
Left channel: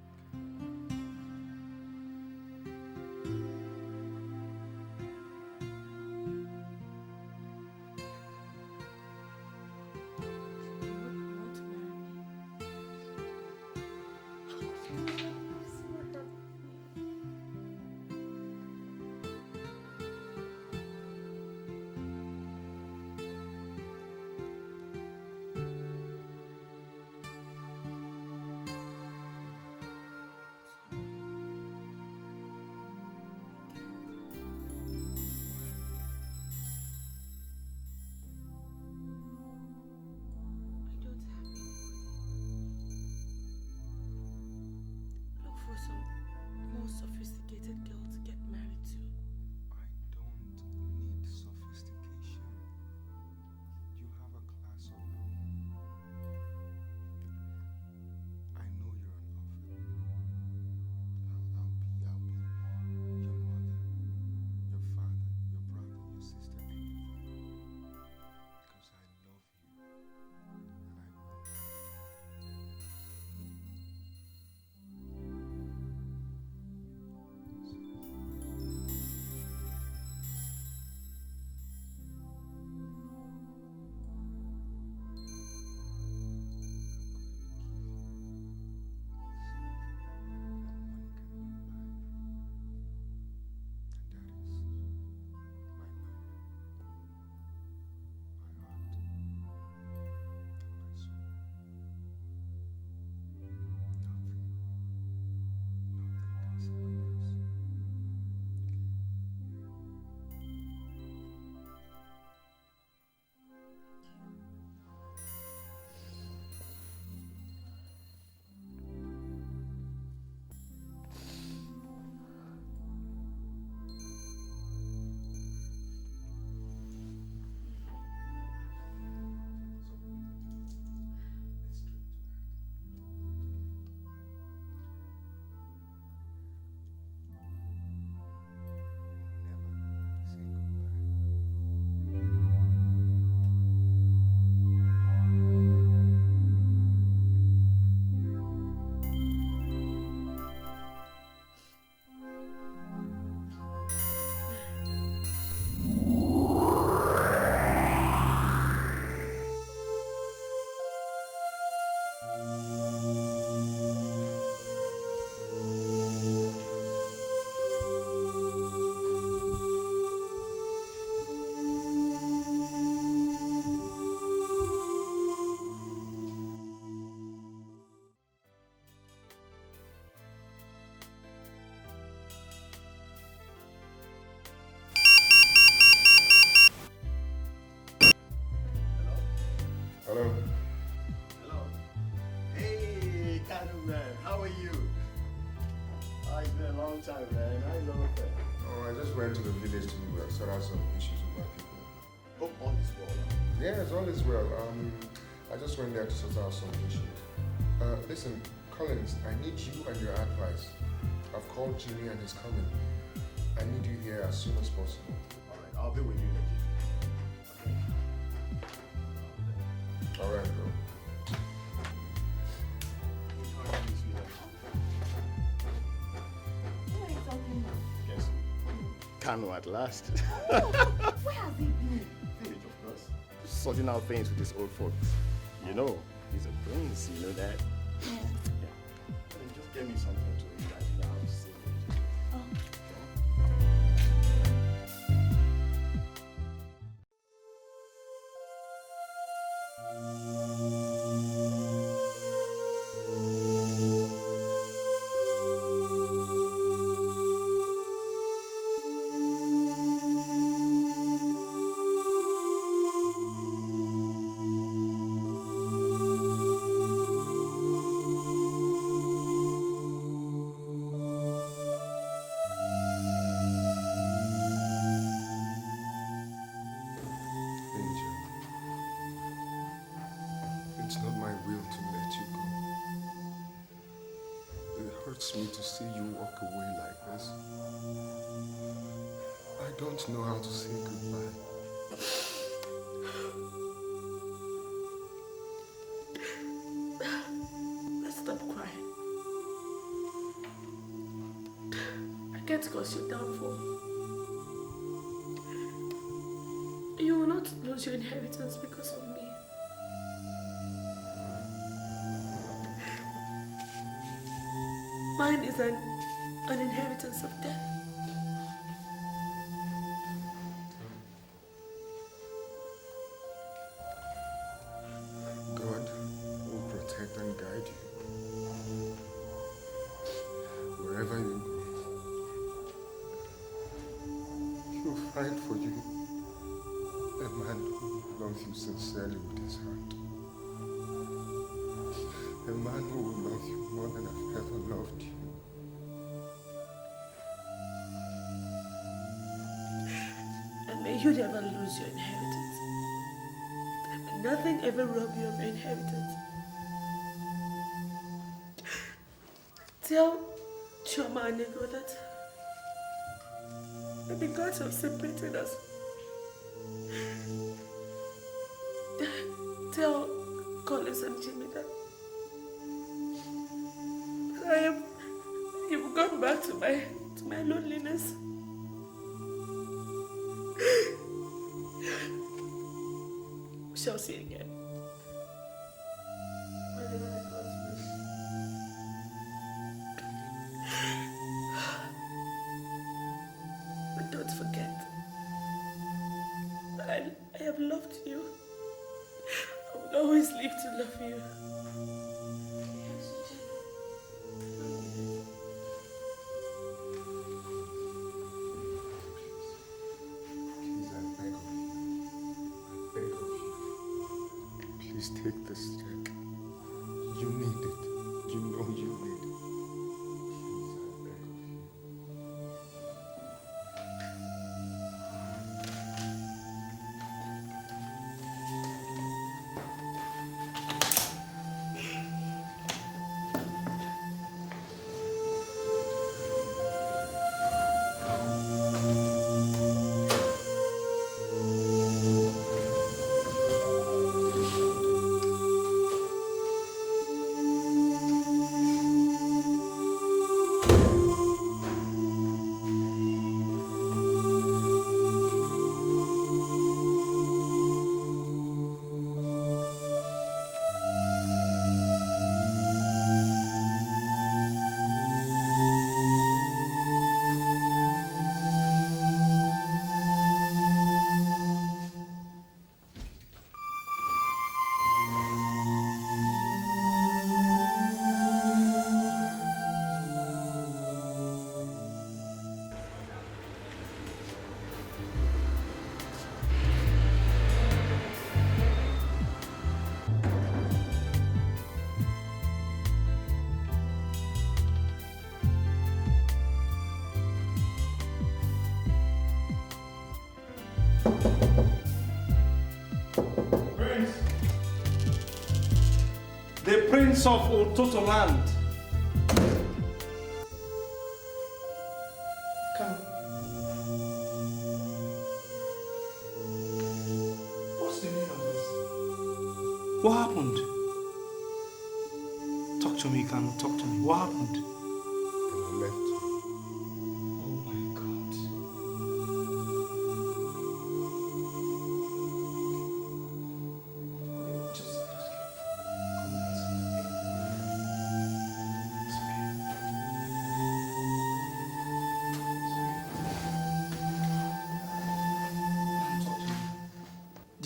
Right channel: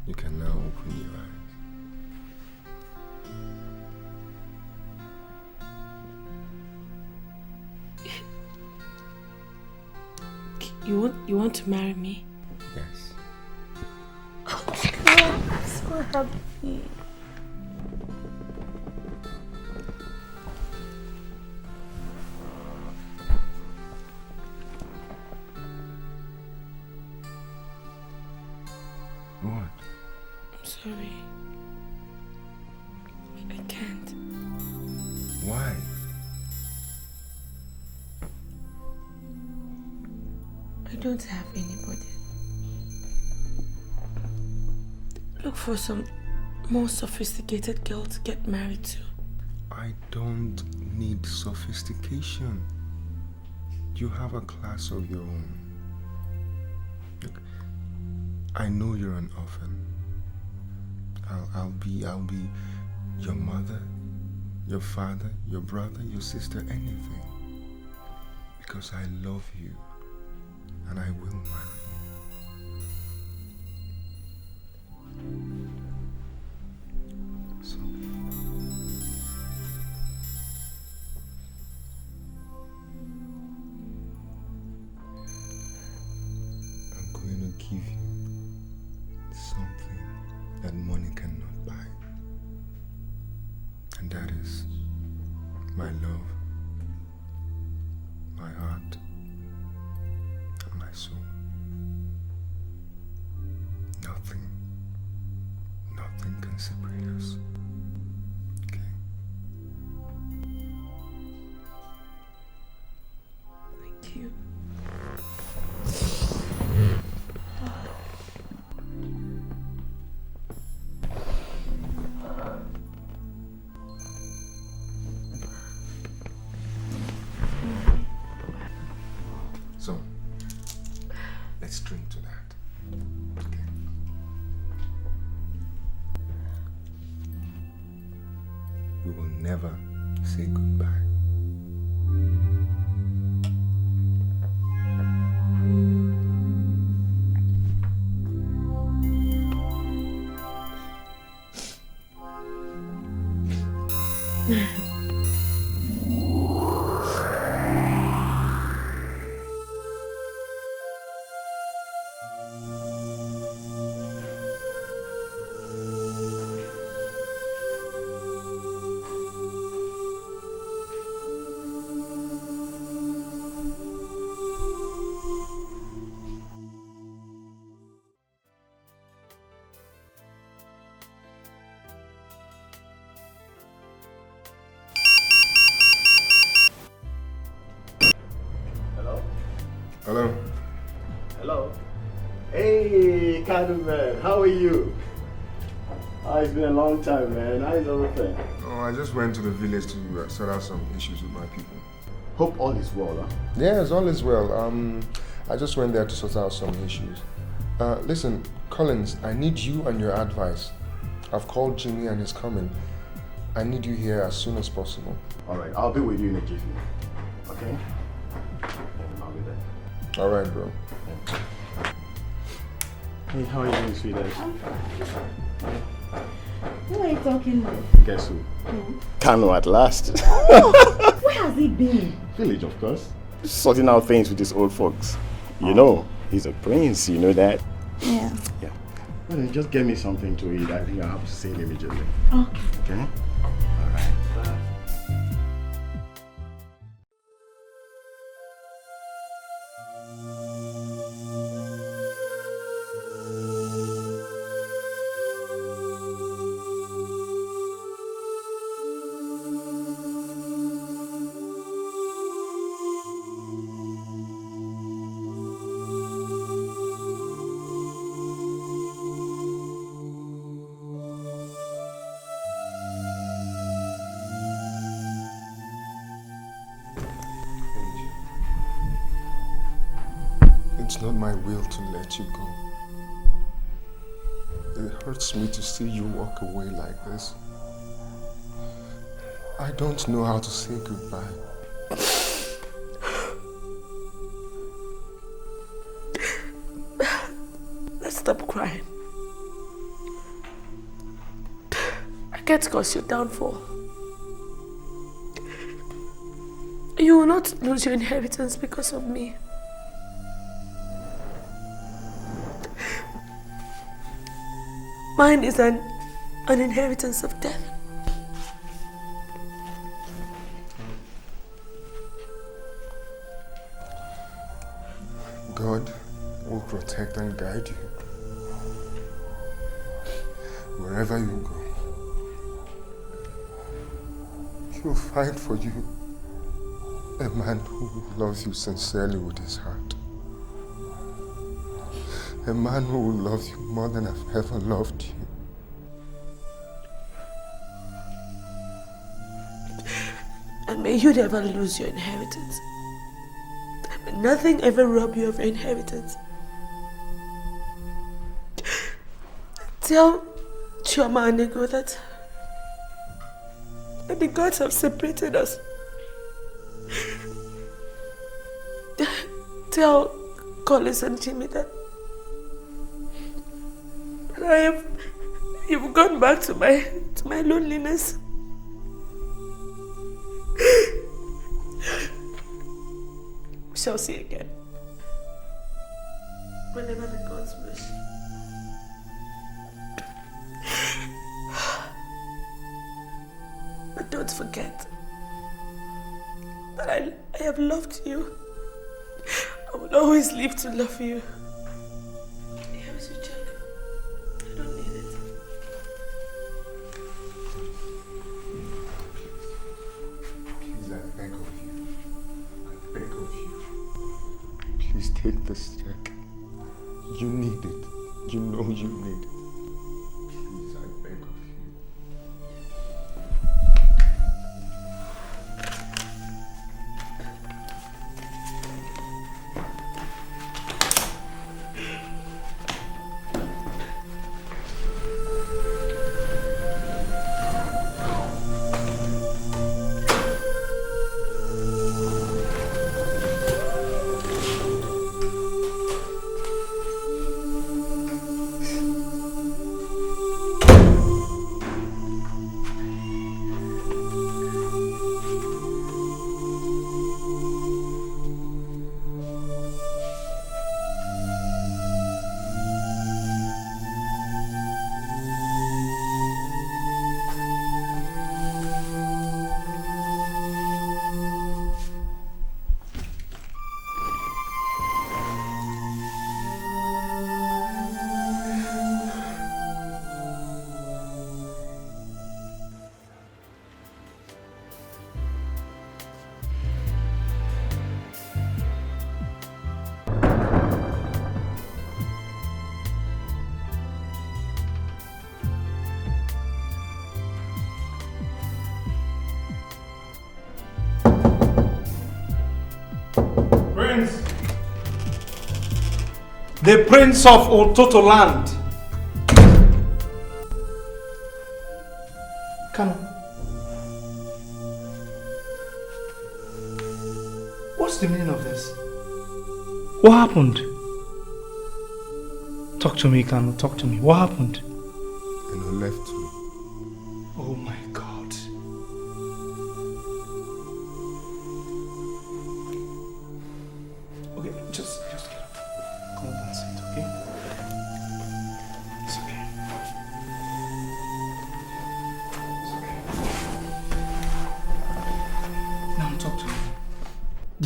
You can now open your eyes. You want to marry me? Yes. I'm so happy. What? I'm sorry. I can't. Why? I don't have anybody. Look for some more sophisticated girl to get married to. I don't need sophistication. You have a class of your own. Look, I know you're an orphan. I'll be your mother, your father, your brother, your sister, anything. Because I love you and I will marry you. So I'm going to give you something that money cannot buy. And that is my love, my heart, and my soul. Nothing can separate us. Okay? Thank you. So, let's drink to that. Okay? We will never say goodbye. Hello? Hello. Hey, Kalu man, how are you? Oh, it's been a long time, man. How is everything? Oh, I just went to the village to sort out some issues with my people. Hope all is well, huh? Yes, all is well. I just went there to sort out some issues. Listen, Collins, I need you and your advice. I've called Jimmy and he's coming. I need you here as soon as possible. All right, I'll be with you in a jiffy. Okay? I'll be there. All right, bro. Hey, how are you doing, sweetheart? Who are you talking to? Guess who? Kanu at last. Where has he been? Village, of course. Sorting out things with his old folks. You know, he's a prince, you know that? Yeah. Yeah. Well, then just get me something to eat. I think I have to sail immediately. Okay. Okay? Alright. It's not my will to let you go. It hurts me to see you walk away like this. I don't know how to say goodbye. Let's stop crying. I can't cause your downfall. You will not lose your inheritance because of me. Mine is an inheritance of death. God will protect and guide you. Wherever you go, He'll find for you a man who loves you sincerely with his heart. A man who will love you more than I've ever loved you. And may you never lose your inheritance. May nothing ever rob you of your inheritance. Tell Chioma and Nego that the gods have separated us. Tell Collins and Jimmy that you've gone back to my loneliness. We shall see again. Whenever the gods wish. But don't forget that I have loved you. I will always live to love you. Here's your check. I don't need it. Please, I beg of you. I beg of you. Please take this check. You need it. You know you need it. Please, I beg of you. The Prince of Ututu land. Kanu. What's the meaning of this? What happened? Talk to me, Kanu. Talk to me. What happened? And I left you.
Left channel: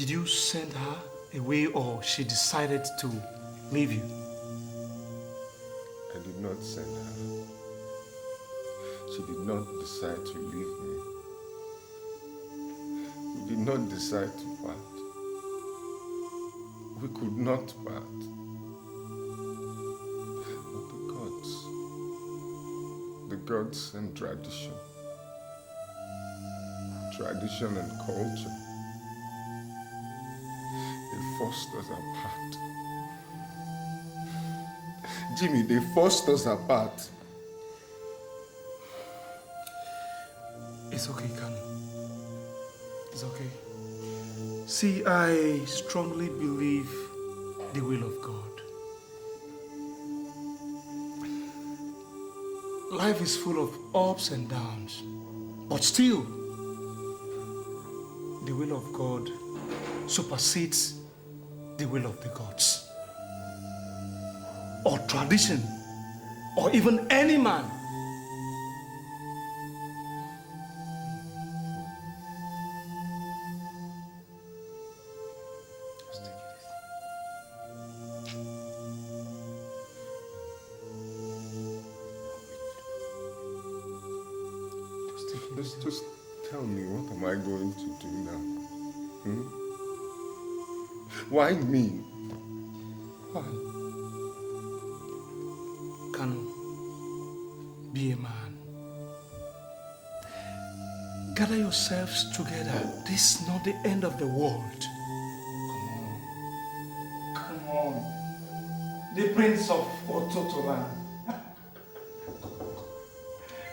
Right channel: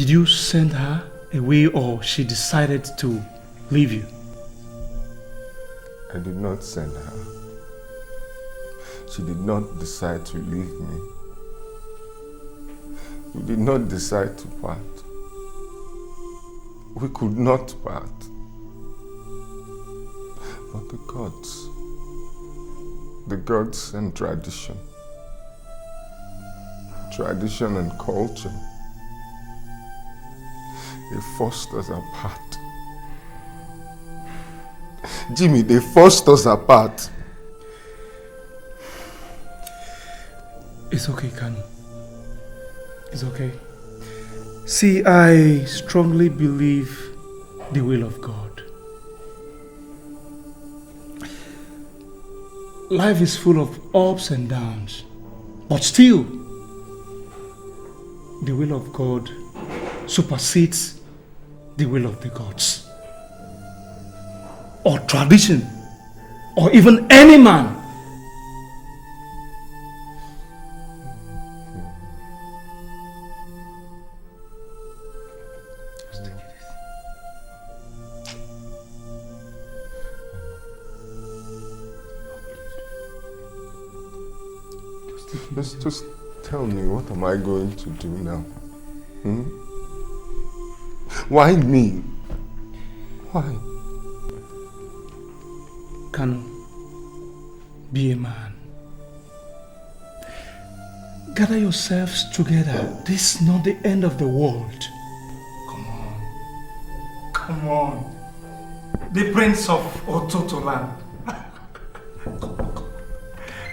Did you send her away or she decided to leave you? I did not send her. She did not decide to leave me. We did not decide to part. We could not part. But the gods and tradition and culture, they forced us apart. Jimmy, they forced us apart. It's okay, Kanu. It's okay. See, I strongly believe the will of God. Life is full of ups and downs, but still, the will of God supersedes the will of the gods, or tradition, or even any man. Just tell me, what am I going to do now? Why me? Why? Kanu, be a man. Gather yourselves together. This is not the end of the world. Come on. The Prince of Ututu land.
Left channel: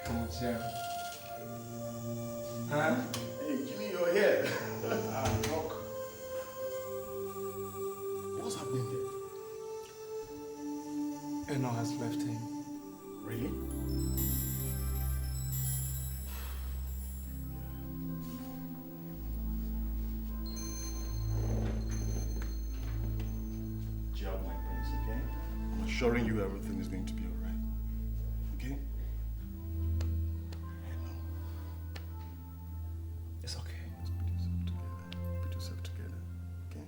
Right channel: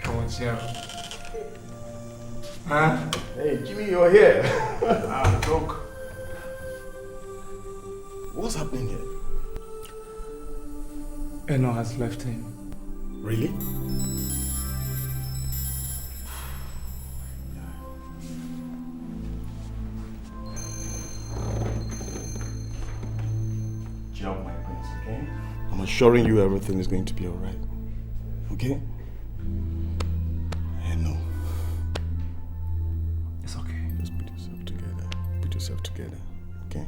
Come on, Sarah. Huh? Hey, Jimmy, you're here. Look. What's happening here? Eno has left him. Really? Jump, my prince, okay? I'm assuring you everything is going to be alright. Okay? It's okay. Just put yourself together. Put yourself together, okay?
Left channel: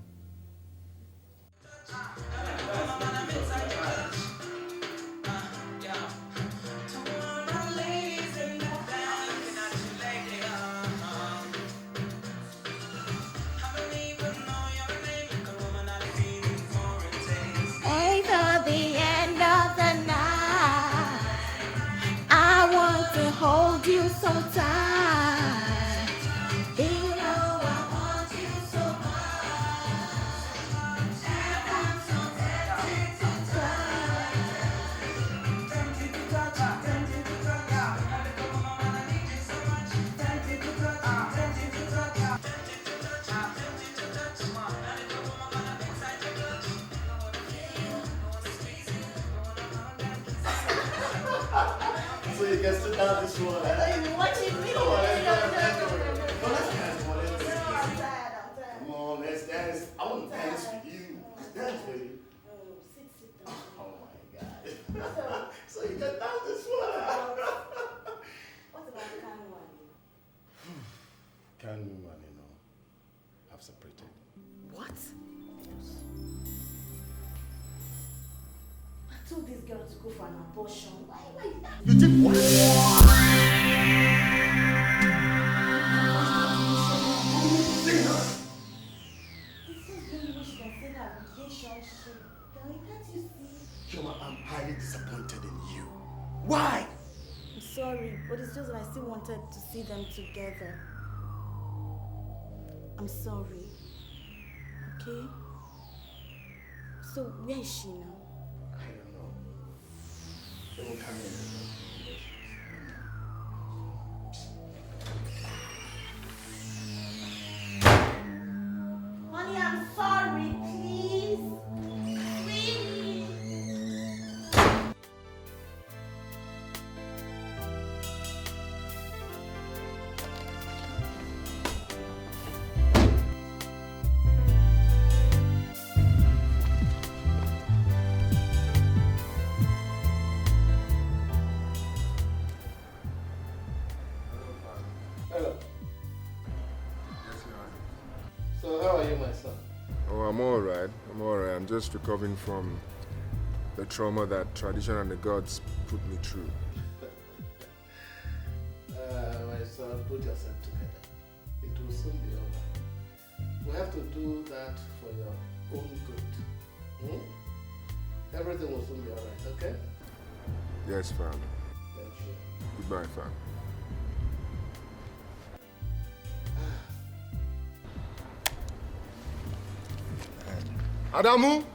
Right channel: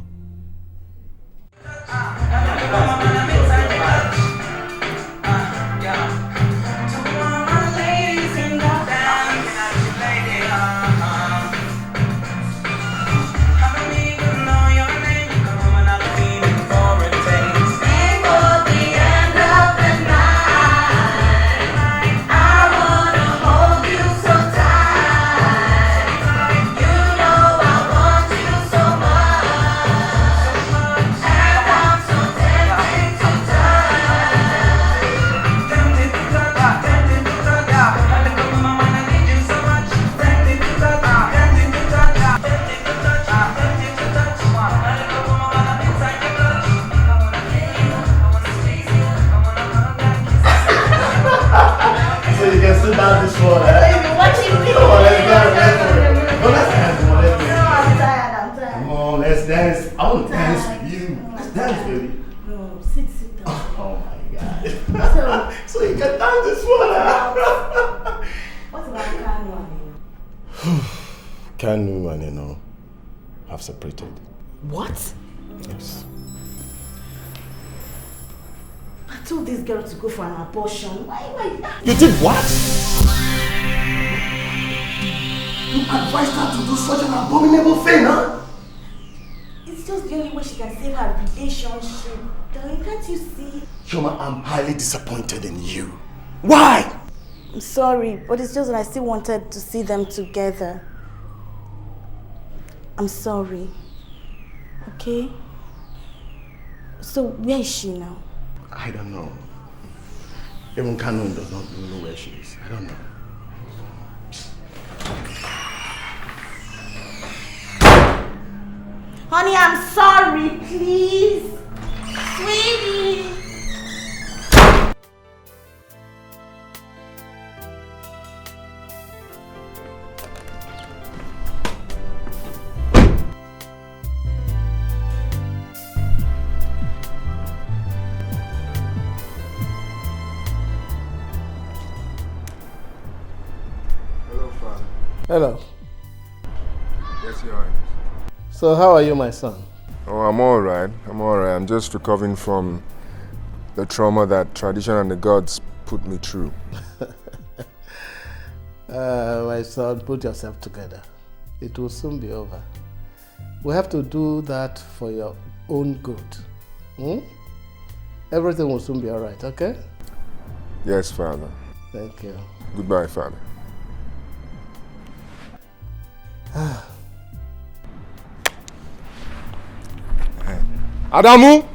Kanu and Eno have separated. What? Yes. I told this girl to go for an abortion. Why? You did what? You advised her to do such an abominable thing, huh? It's just the only way she can save her relationship. Darling, can't you see? Shoma, I'm highly disappointed in you. Why? I'm sorry, but it's just that I still wanted to see them together. I'm sorry. Okay? So, where is she now? I don't know. Even Kanu does not even know where she is. I don't know. Honey, I'm sorry, please. Sweetie. Hello, Father. Hello. Yes, Your Highness. So how are you, my son? Oh, I'm alright. I'm just recovering from the trauma that tradition and the gods put me through. My son, put yourself together. It will soon be over. We have to do that for your own good. Everything will soon be alright, okay? Yes, Father. Thank you. Goodbye, Father. Adamu!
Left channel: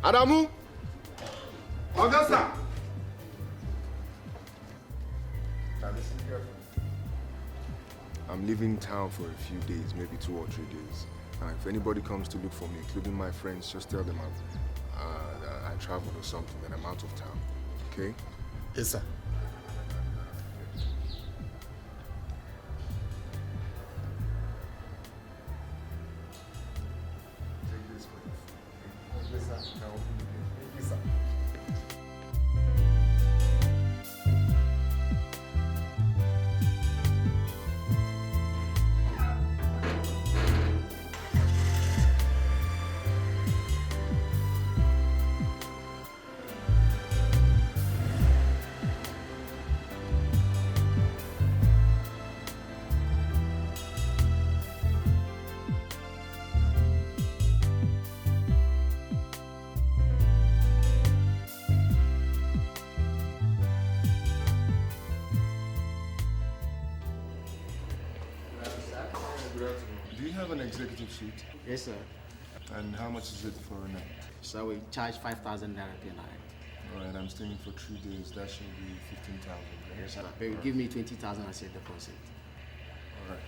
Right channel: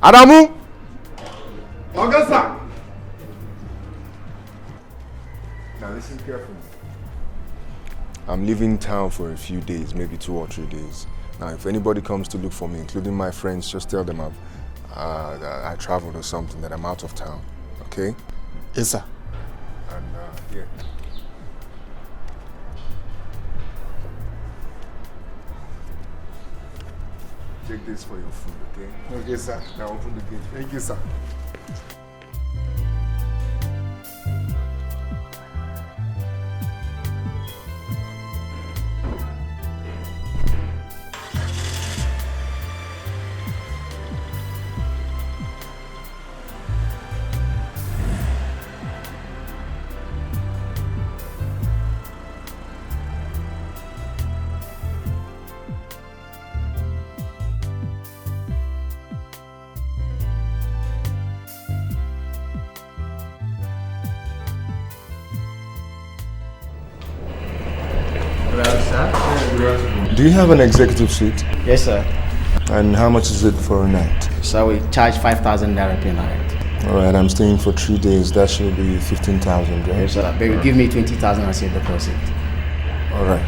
Adamu! Augusta! Now listen carefully. I'm leaving town for a few days, maybe 2 or 3 days. Now, if anybody comes to look for me, including my friends, just tell them I traveled or something, that I'm out of town. Okay? Yes, sir. And, yeah. Take this for your food, okay? Okay, sir. Now open the gate. Thank you, sir. Do you have an executive suite? Yes, sir. And how much is it for a night? So we charge 5,000 naira per night. Alright, I'm staying for 3 days. That should be 15,000, right? Yes, sir. But you give me 20,000 as your deposit. Alright.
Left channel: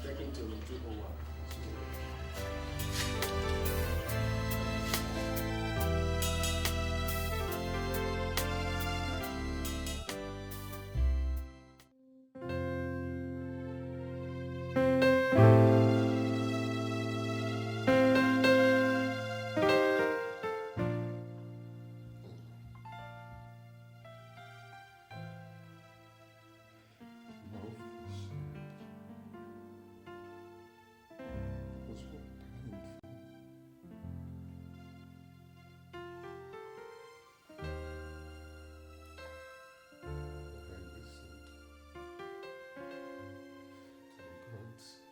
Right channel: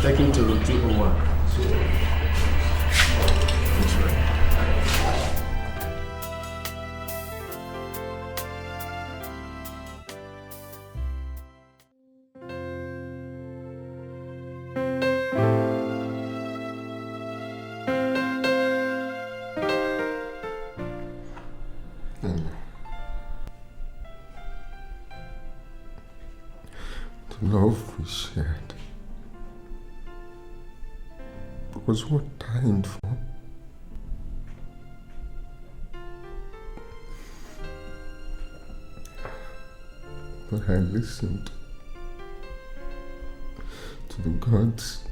Take him to room 201. The love we shared was worth dying for. But I listened to the gods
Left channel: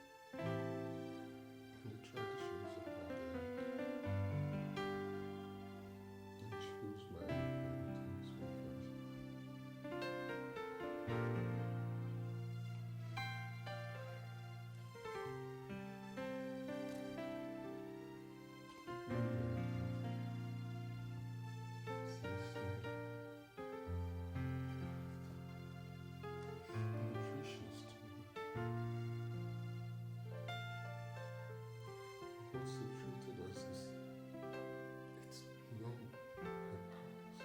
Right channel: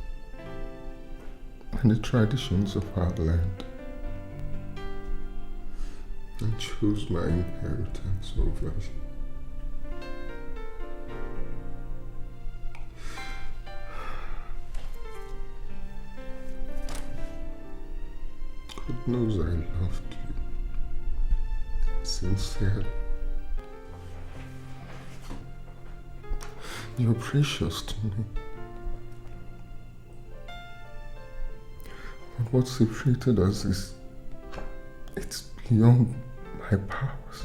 and the traditions of our land and chose my inheritance over you. God knows I loved you sincerely. You're precious to me. But what separated us it's beyond my powers.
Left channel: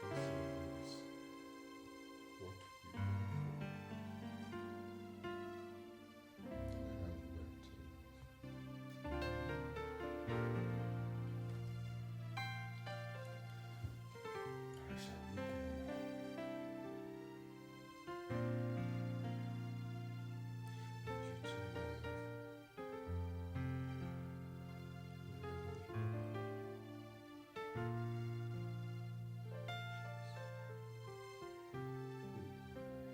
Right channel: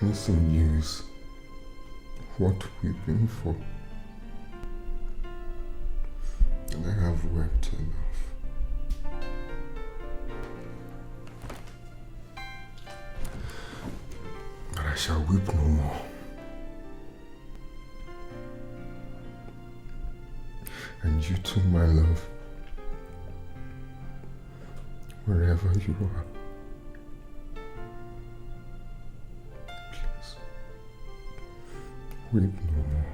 Missing you is what we've been for. And I have wept enough. But I shall weep no more. And you too, my love, wherever you are, please, weep no more.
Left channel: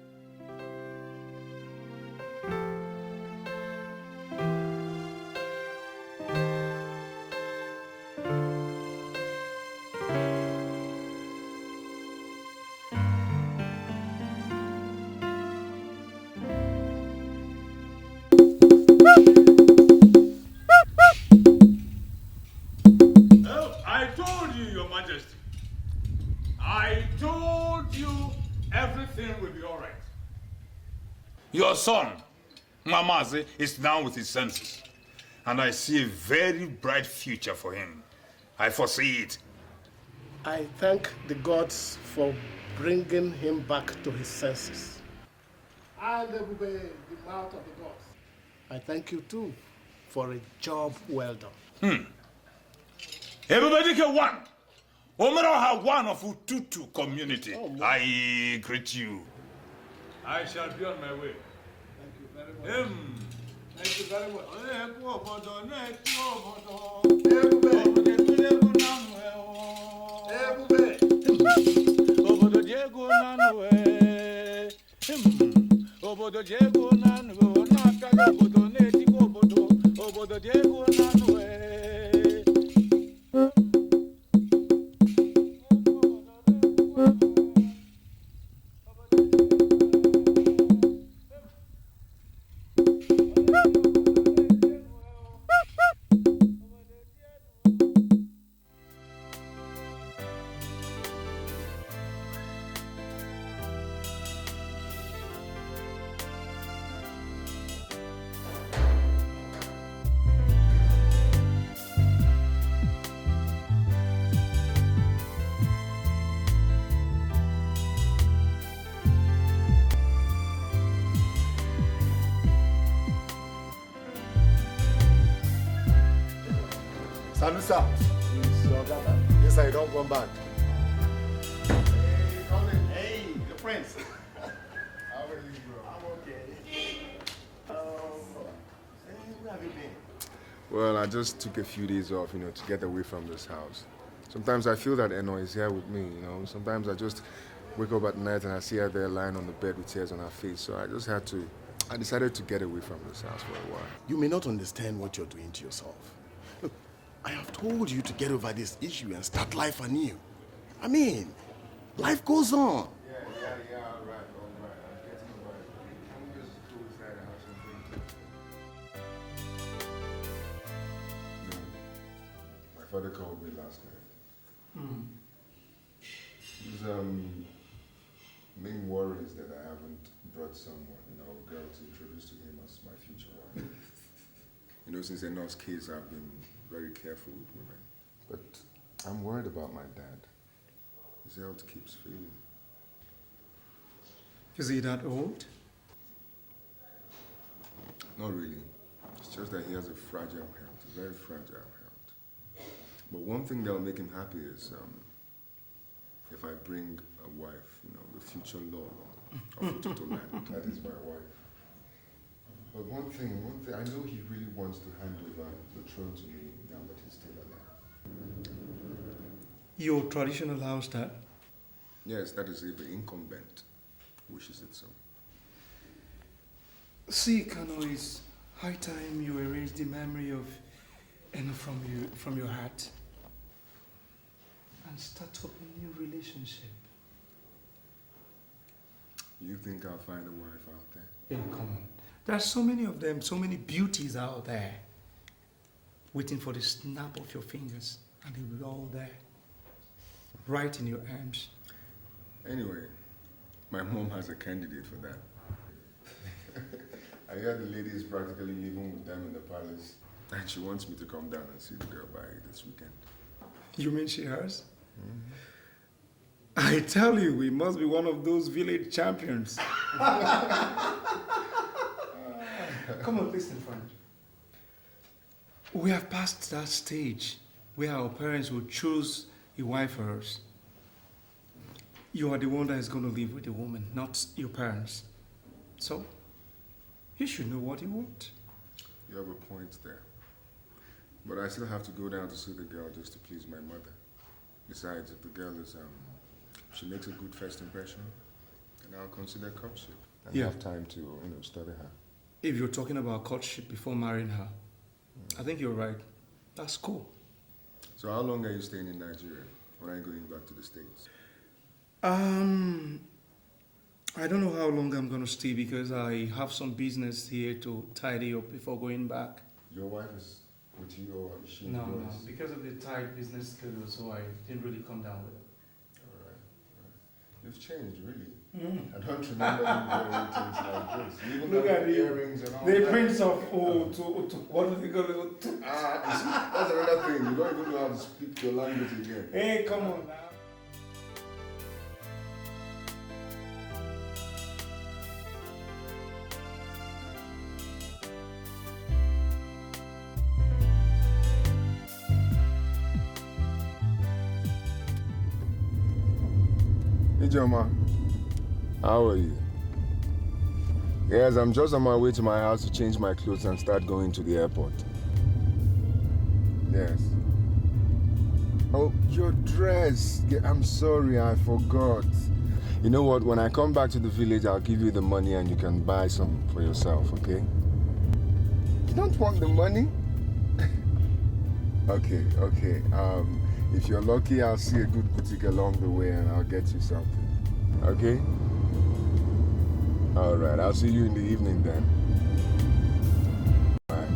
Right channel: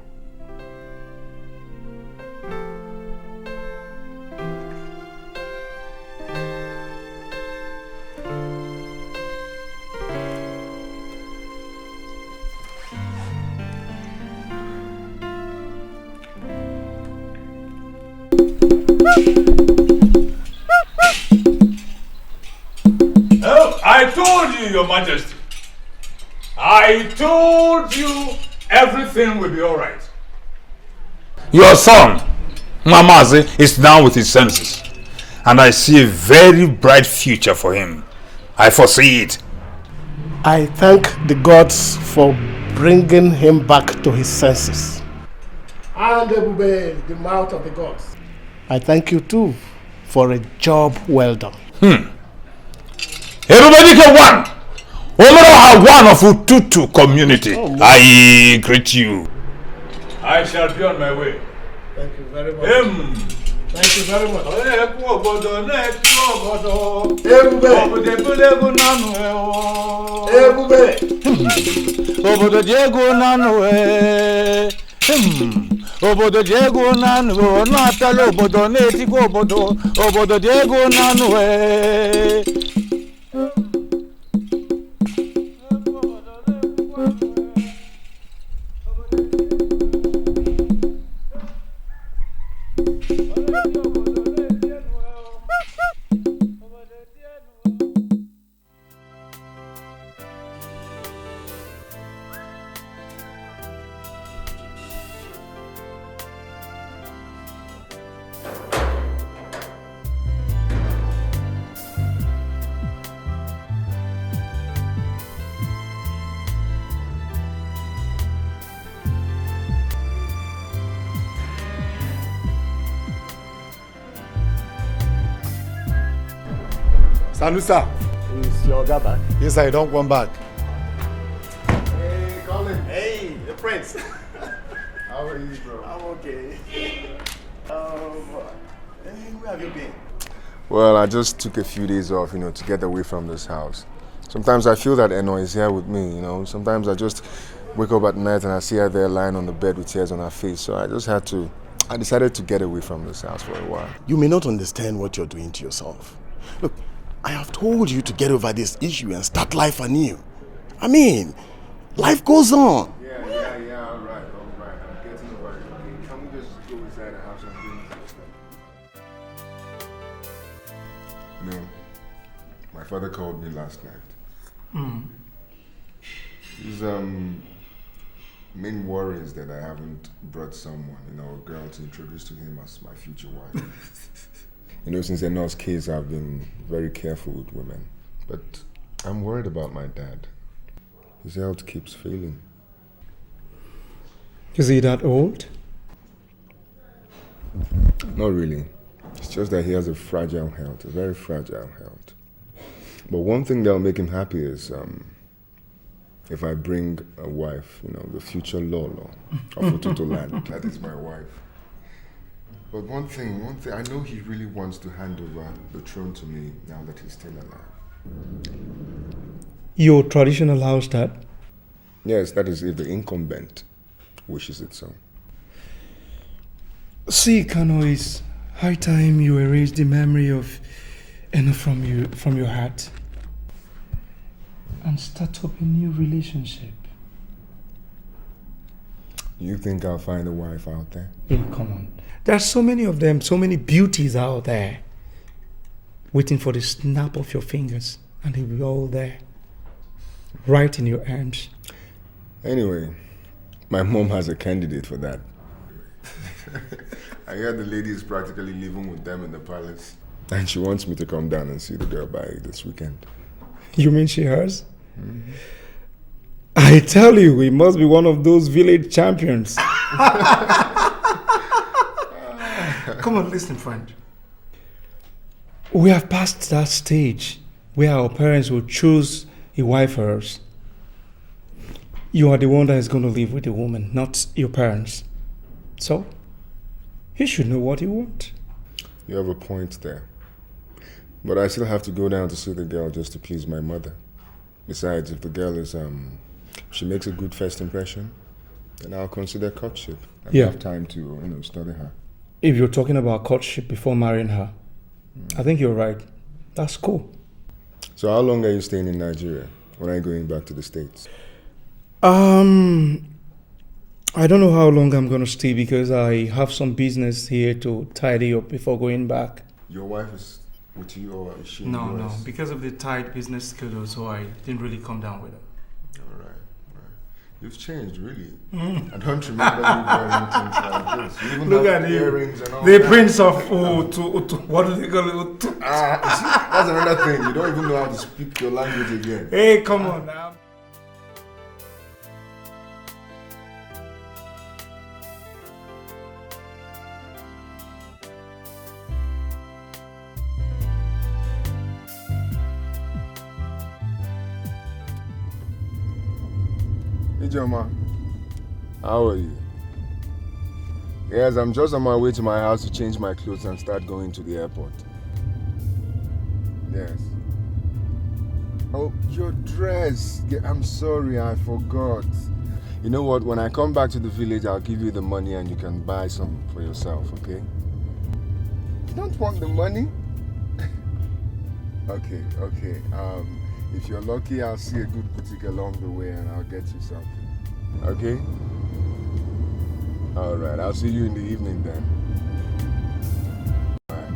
Oh, I told you, Your Majesty. I told you everything will be all right. Your son, Mamazi, is now with his senses. And I see a very bright future for him. I foresee it. I thank the gods for bringing him back to his senses. And Ebube, the mouth of the gods. I thank you too for a job well done. Everybody get one. Omero one of Ututu community. I greet you. I shall be on my way. Thank you very much. Thank you very much. Obodo Diego nanu obodo Diego nanu na atalo obodo neti go obodo Diego nanu Salusa. It's your guy back. Yes, I don't come back. Hey, Colin. Hey, the prince. How are you, bro? I'm okay. Hey, where have you been? Well, I just took a few days off, to get away from this house. Sometimes I feel that Eno is here with me, Sometimes I just wake up at night and I see her there lying on the bed with tears on her face. So I decided to get away from this house for a while. You may not understand what you're doing to yourself. Look, I have told you to get over this issue and start life anew. I mean, life goes on. Yeah, all right. I'm getting over it. Okay, can we just go inside and have something? No. My father called me last night. His main worry is that I haven't brought someone, a girl to introduce to him as my future wife. Since Eno's case, I've been very careful with women. But I'm worried about my dad. His health keeps failing. Is he that old? Not really. It's just that he has a fragile health, a very fragile health. But one thing that'll make him happy is if I bring a wife, the future Lolo of Ututu land. That is my wife. But one thing, I know he really wants to hand over the throne to me now that he's still alive. Your tradition allows that? Yes, that is if the incumbent wishes it so. See, Kano, it's high time you erase the memory of Eno from your heart and start up a new relationship. You think I'll find a wife out there? Hey, come on. There's so many of them, so many beauties out there, waiting for the snap of your fingers, and they'll be all there, right in your arms. Anyway, my mom has a candidate for that. I heard the lady is practically living with them in the palace, and she wants me to come down and see the girl by this weekend. You mean she has? Mm-hmm. I tell you, we must be one of those village champions. Come on, listen, friend. We have passed that stage where our parents will choose a wife for us. You are the one that is going to live with the woman, not your parents. So, you should know what you want. You have a point there. But I still have to go down to see the girl just to please my mother. Besides, if the girl is, if she makes a good first impression, then I'll consider courtship. I have time to, study her. If you're talking about courtship before marrying her, I think you're right. That's cool. So how long are you staying in Nigeria? When are you going back to the States? I don't know how long I'm gonna stay because I have some business here to tidy up before going back. Your wife is with you or is she No, in the US? because of the tight business schedule, so I didn't really come down with her. Alright. You've changed, really. I don't remember you wearing things like this. You even Look have at you. earrings and all The that. Prince of Ututu. What do they call it? Ututu. You see, that's another thing. You don't even know how to speak your language again. Hey, come on now. Hey, Joma. How are you? Yes, I'm just on my way to my house to change my clothes and start going to the airport. Yes. Oh, your dress. Yeah, I'm sorry, I forgot. You know what? When I come back to the village, I'll give you the money and you can buy some for yourself, okay? You don't want the money? Okay. If you're lucky, I'll see a good boutique along the way and I'll get you something. Okay? Alright, I'll see you in the evening then. Bye.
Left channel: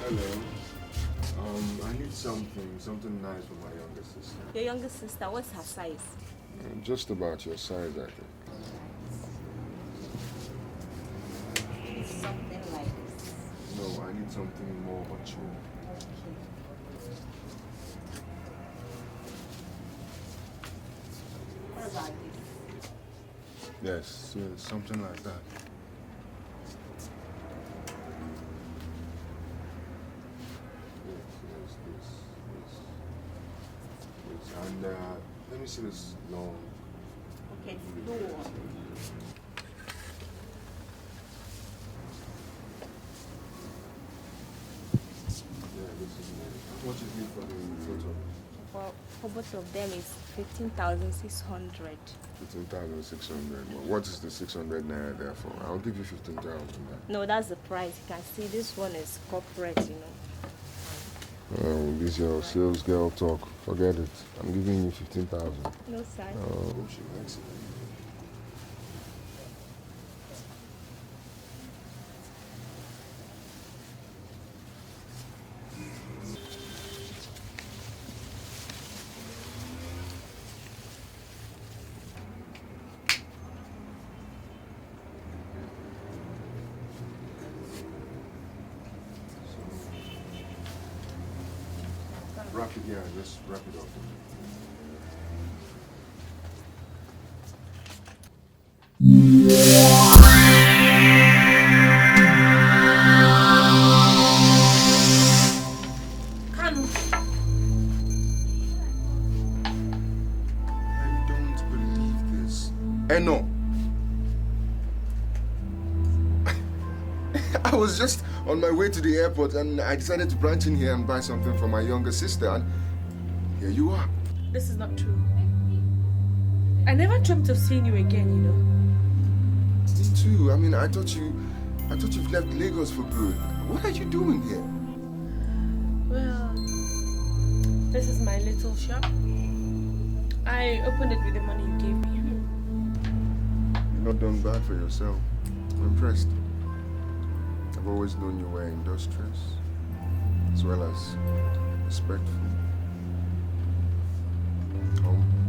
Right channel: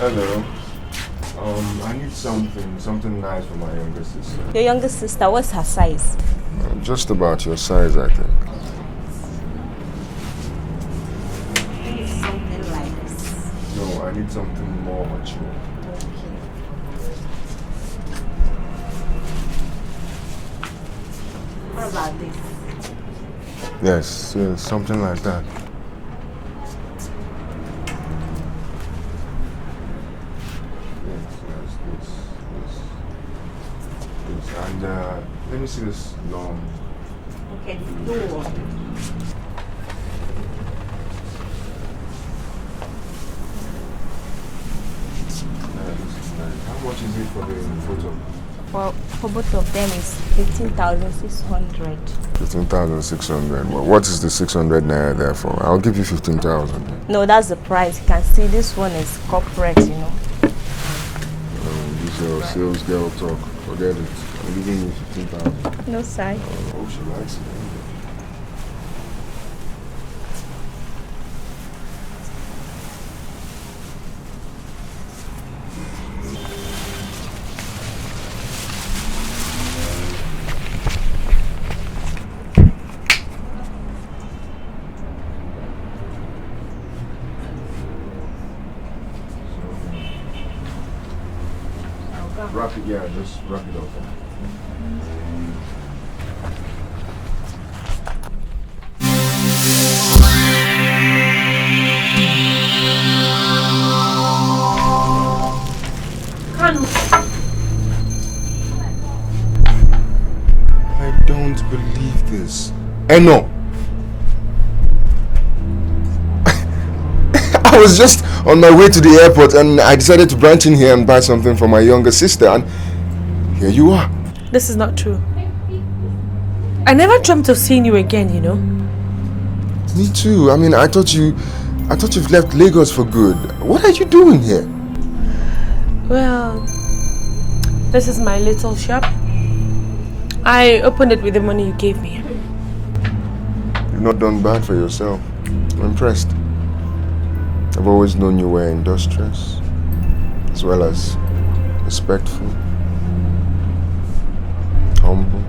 Hello. I need something nice for my younger sister. Your younger sister, what's her size? Just about your size, I think. Something like this. No, I need something more mature. What about this? Yes, something like that. And let me see this long. Okay, do one. How much is it for the photo? Well, for both of them is 15,600. 15,600. Well, what is the 600 naira there for? I'll give you 15,000. No, that's the price. You can see this one is corporate, you know. Oh, this is your sales girl talk. Forget it. I'm giving you 15,000. No, sir. Oh, she likes it. Wrap it, yeah, just wrap it up. Kalu. I don't believe this. Eno! I was just on my way to the airport and I decided to branch in here and buy something for my younger sister, and here you are. This is not true. I never dreamt of seeing you again, you know. Me too. I mean, I thought you've left Lagos for good. What are you doing here? Well, this is my little shop. I opened it with the money you gave me. You've not done bad for yourself. I'm impressed. I've always known you were industrious, as well as respectful, humble,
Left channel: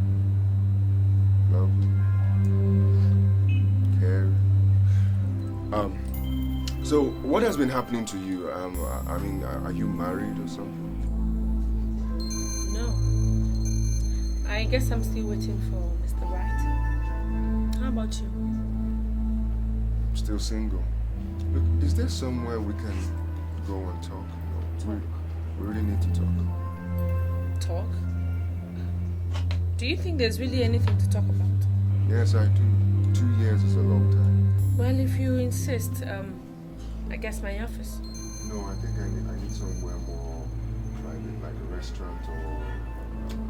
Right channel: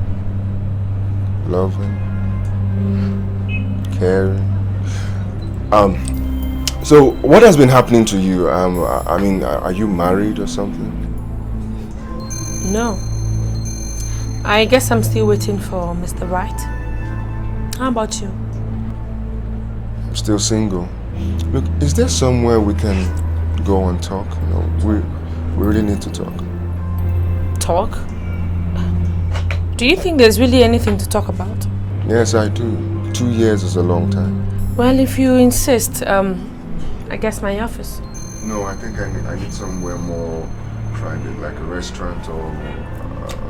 loving, caring. So what has been happening to you? I mean, are you married or something? No. I guess I'm still waiting for Mr. Right. How about you? I'm still single. Look, is there somewhere we can go and talk? You know, we really need to talk. Talk? Do you think there's really anything to talk about? Yes, I do. 2 years is a long time. Well, if you insist, I guess my office. No, I think I need somewhere more private, like a restaurant or...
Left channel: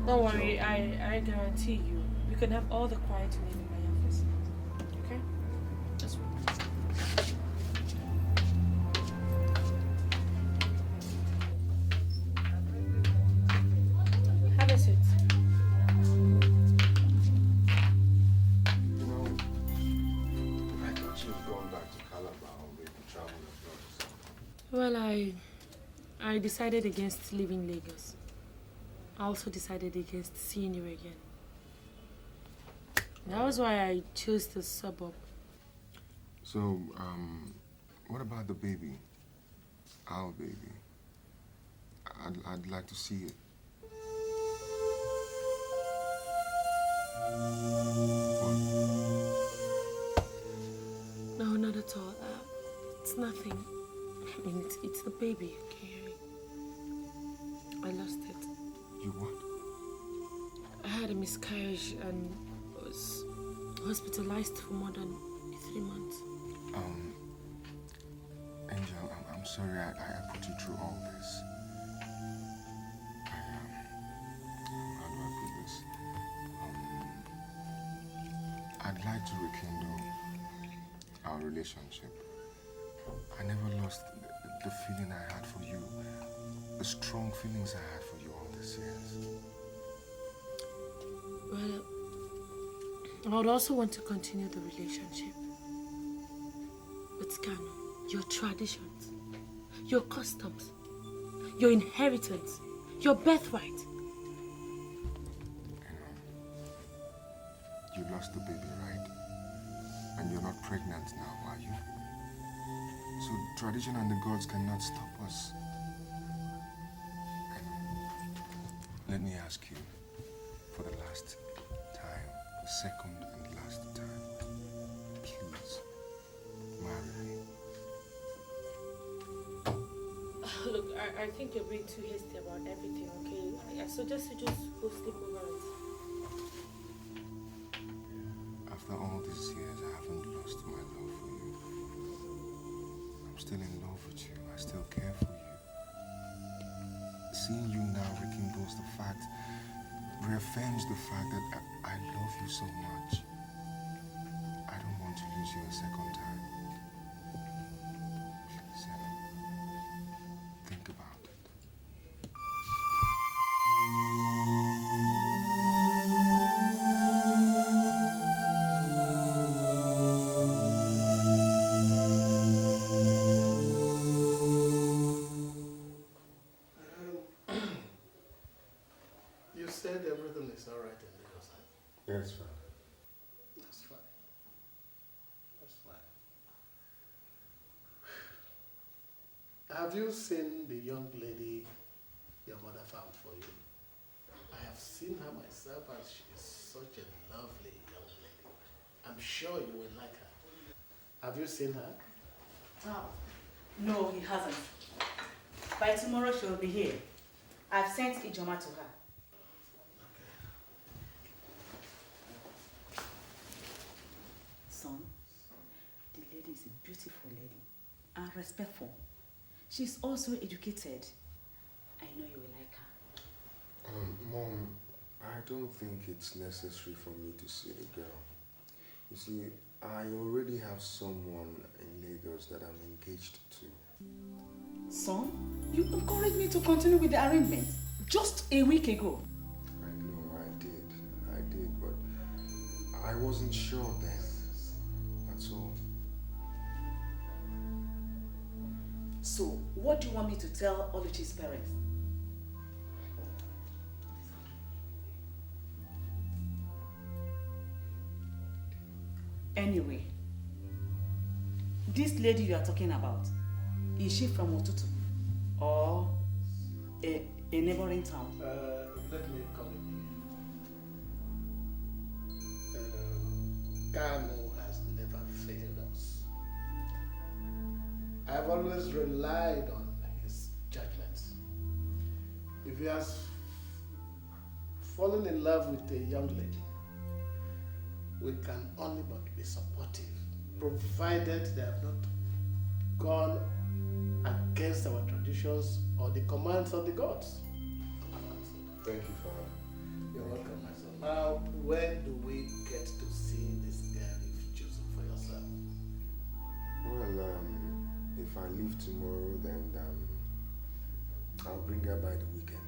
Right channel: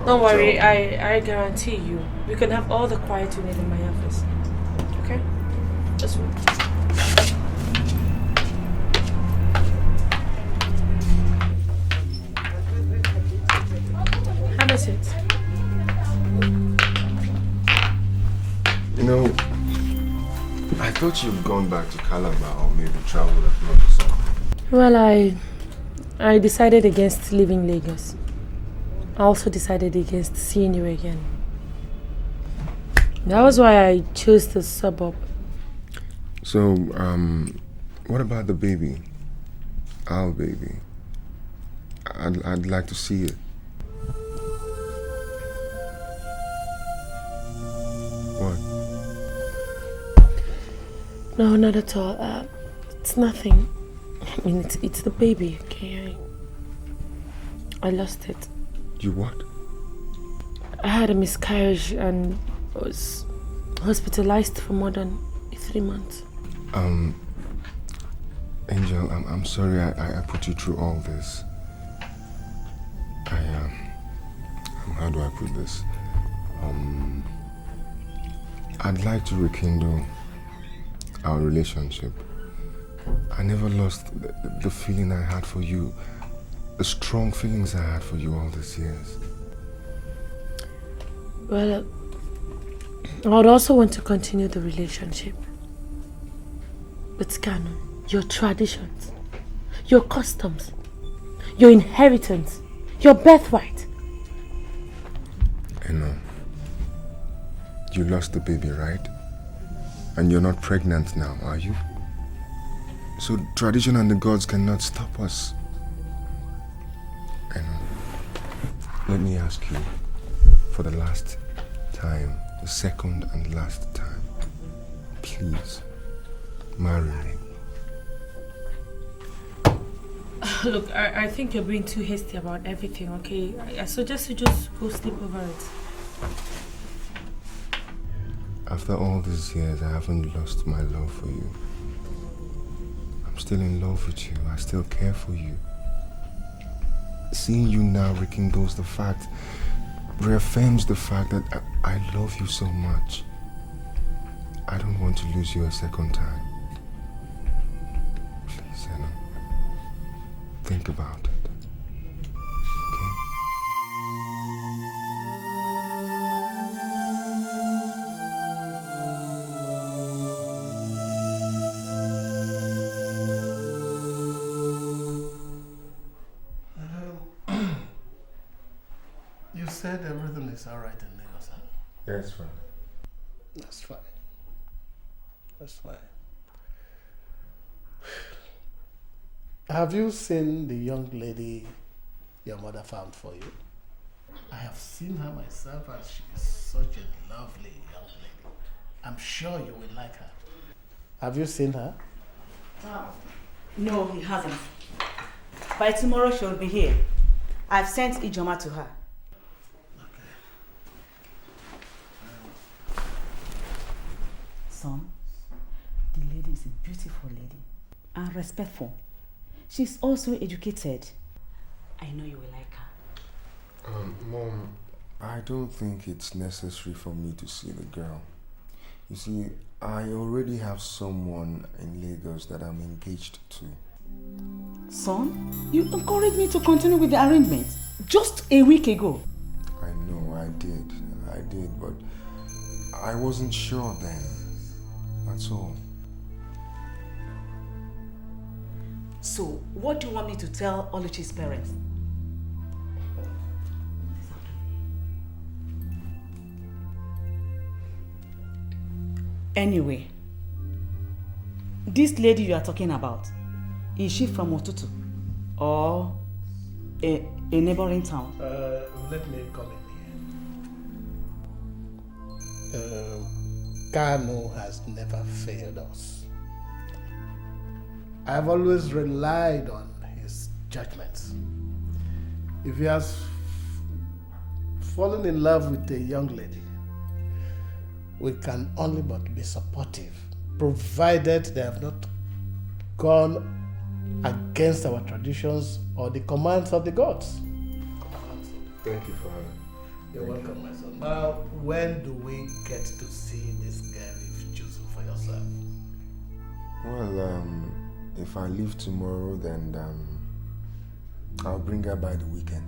Don't worry, I guarantee you. We can have all the quiet you need in my office. Okay? Just wait. Have a seat. You know, I thought you'd gone back to Calabar or maybe traveled abroad or something. Well, I decided against leaving Lagos. I also decided against seeing you again. That was why I chose the suburb. So, what about the baby? Our baby. I'd like to see it. What? No, not at all. It's nothing. I mean, it's the baby, okay? I lost it. You what? I had a miscarriage and was hospitalized for more than 3 months. Angel, I'm sorry I put you through all this. How do I put this? I'd like to rekindle our relationship. I never lost the feeling I had for you, the strong feelings I had for you all these years. Well, I would also want to continue the relationship. But Kanu, your traditions, your customs, your inheritance, your birthright. I know. You lost the baby, right? And you're not pregnant now, are you? So tradition and the gods cannot stop us. I know. Let me ask you, for the last time, the second and last time, please, marry me. Look, I think you're being too hasty about everything, okay? I suggest you just go sleep over it. After all these years, I haven't lost my love for you. I'm still in love with you. I still care for you. Seeing you now rekindles the fact, reaffirms the fact that I love you so much. I don't want to lose you a second time. Please, Anna. Think about it. You said everything is all right in Lagos, huh? That's fine. That's fine. That's fine. Have you seen the young lady your mother found for you? I have seen her myself and she is such a lovely young lady. I'm sure you will like her. Have you seen her? No, he hasn't. By tomorrow she'll be here. I've sent Ijoma to her. Son, the lady is a beautiful lady and respectful. She's also educated. I know you will like her. Mom, I don't think it's necessary for me to see the girl. You see, I already have someone in Lagos that I'm engaged to. Son, you encouraged me to continue with the arrangement just a week ago. I know, I did, but I wasn't sure then. That's all. So, what do you want me to tell Oluchi's parents? Anyway, this lady you are talking about, is she from Ututu or a neighboring town? Let me come in here. Kalu has never failed us. I've always relied on his judgments. If he has fallen in love with a young lady, we can only but be supportive, provided they have not gone against our traditions or the commands of the gods. Thank you, Father. You're welcome, my son. Now, when do we get to see this girl you've chosen for yourself? Well, if I leave tomorrow, then I'll bring her by the weekend.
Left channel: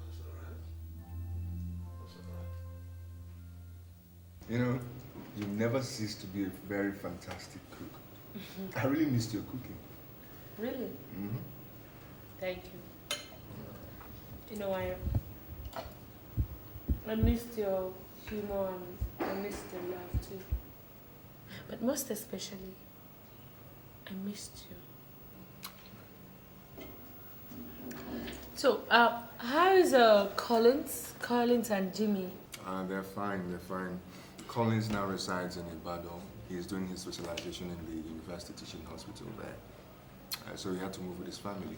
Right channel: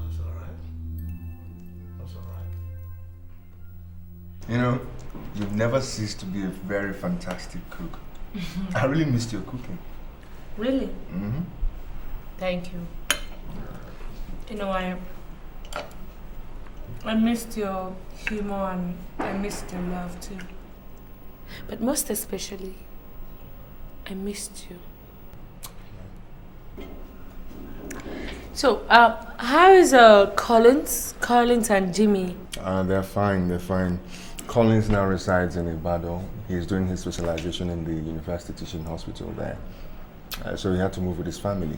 That's all right. That's all right. You know, you've never ceased to be a very fantastic cook. I really missed your cooking. Really? Mm-hmm. Thank you. You know, I missed your humor and I missed your love too. But most especially, I missed you. So, how is Collins and Jimmy? They're fine, they're fine. Collins now resides in Ibadan. He's doing his specialization in the University Teaching Hospital there. So he had to move with his family.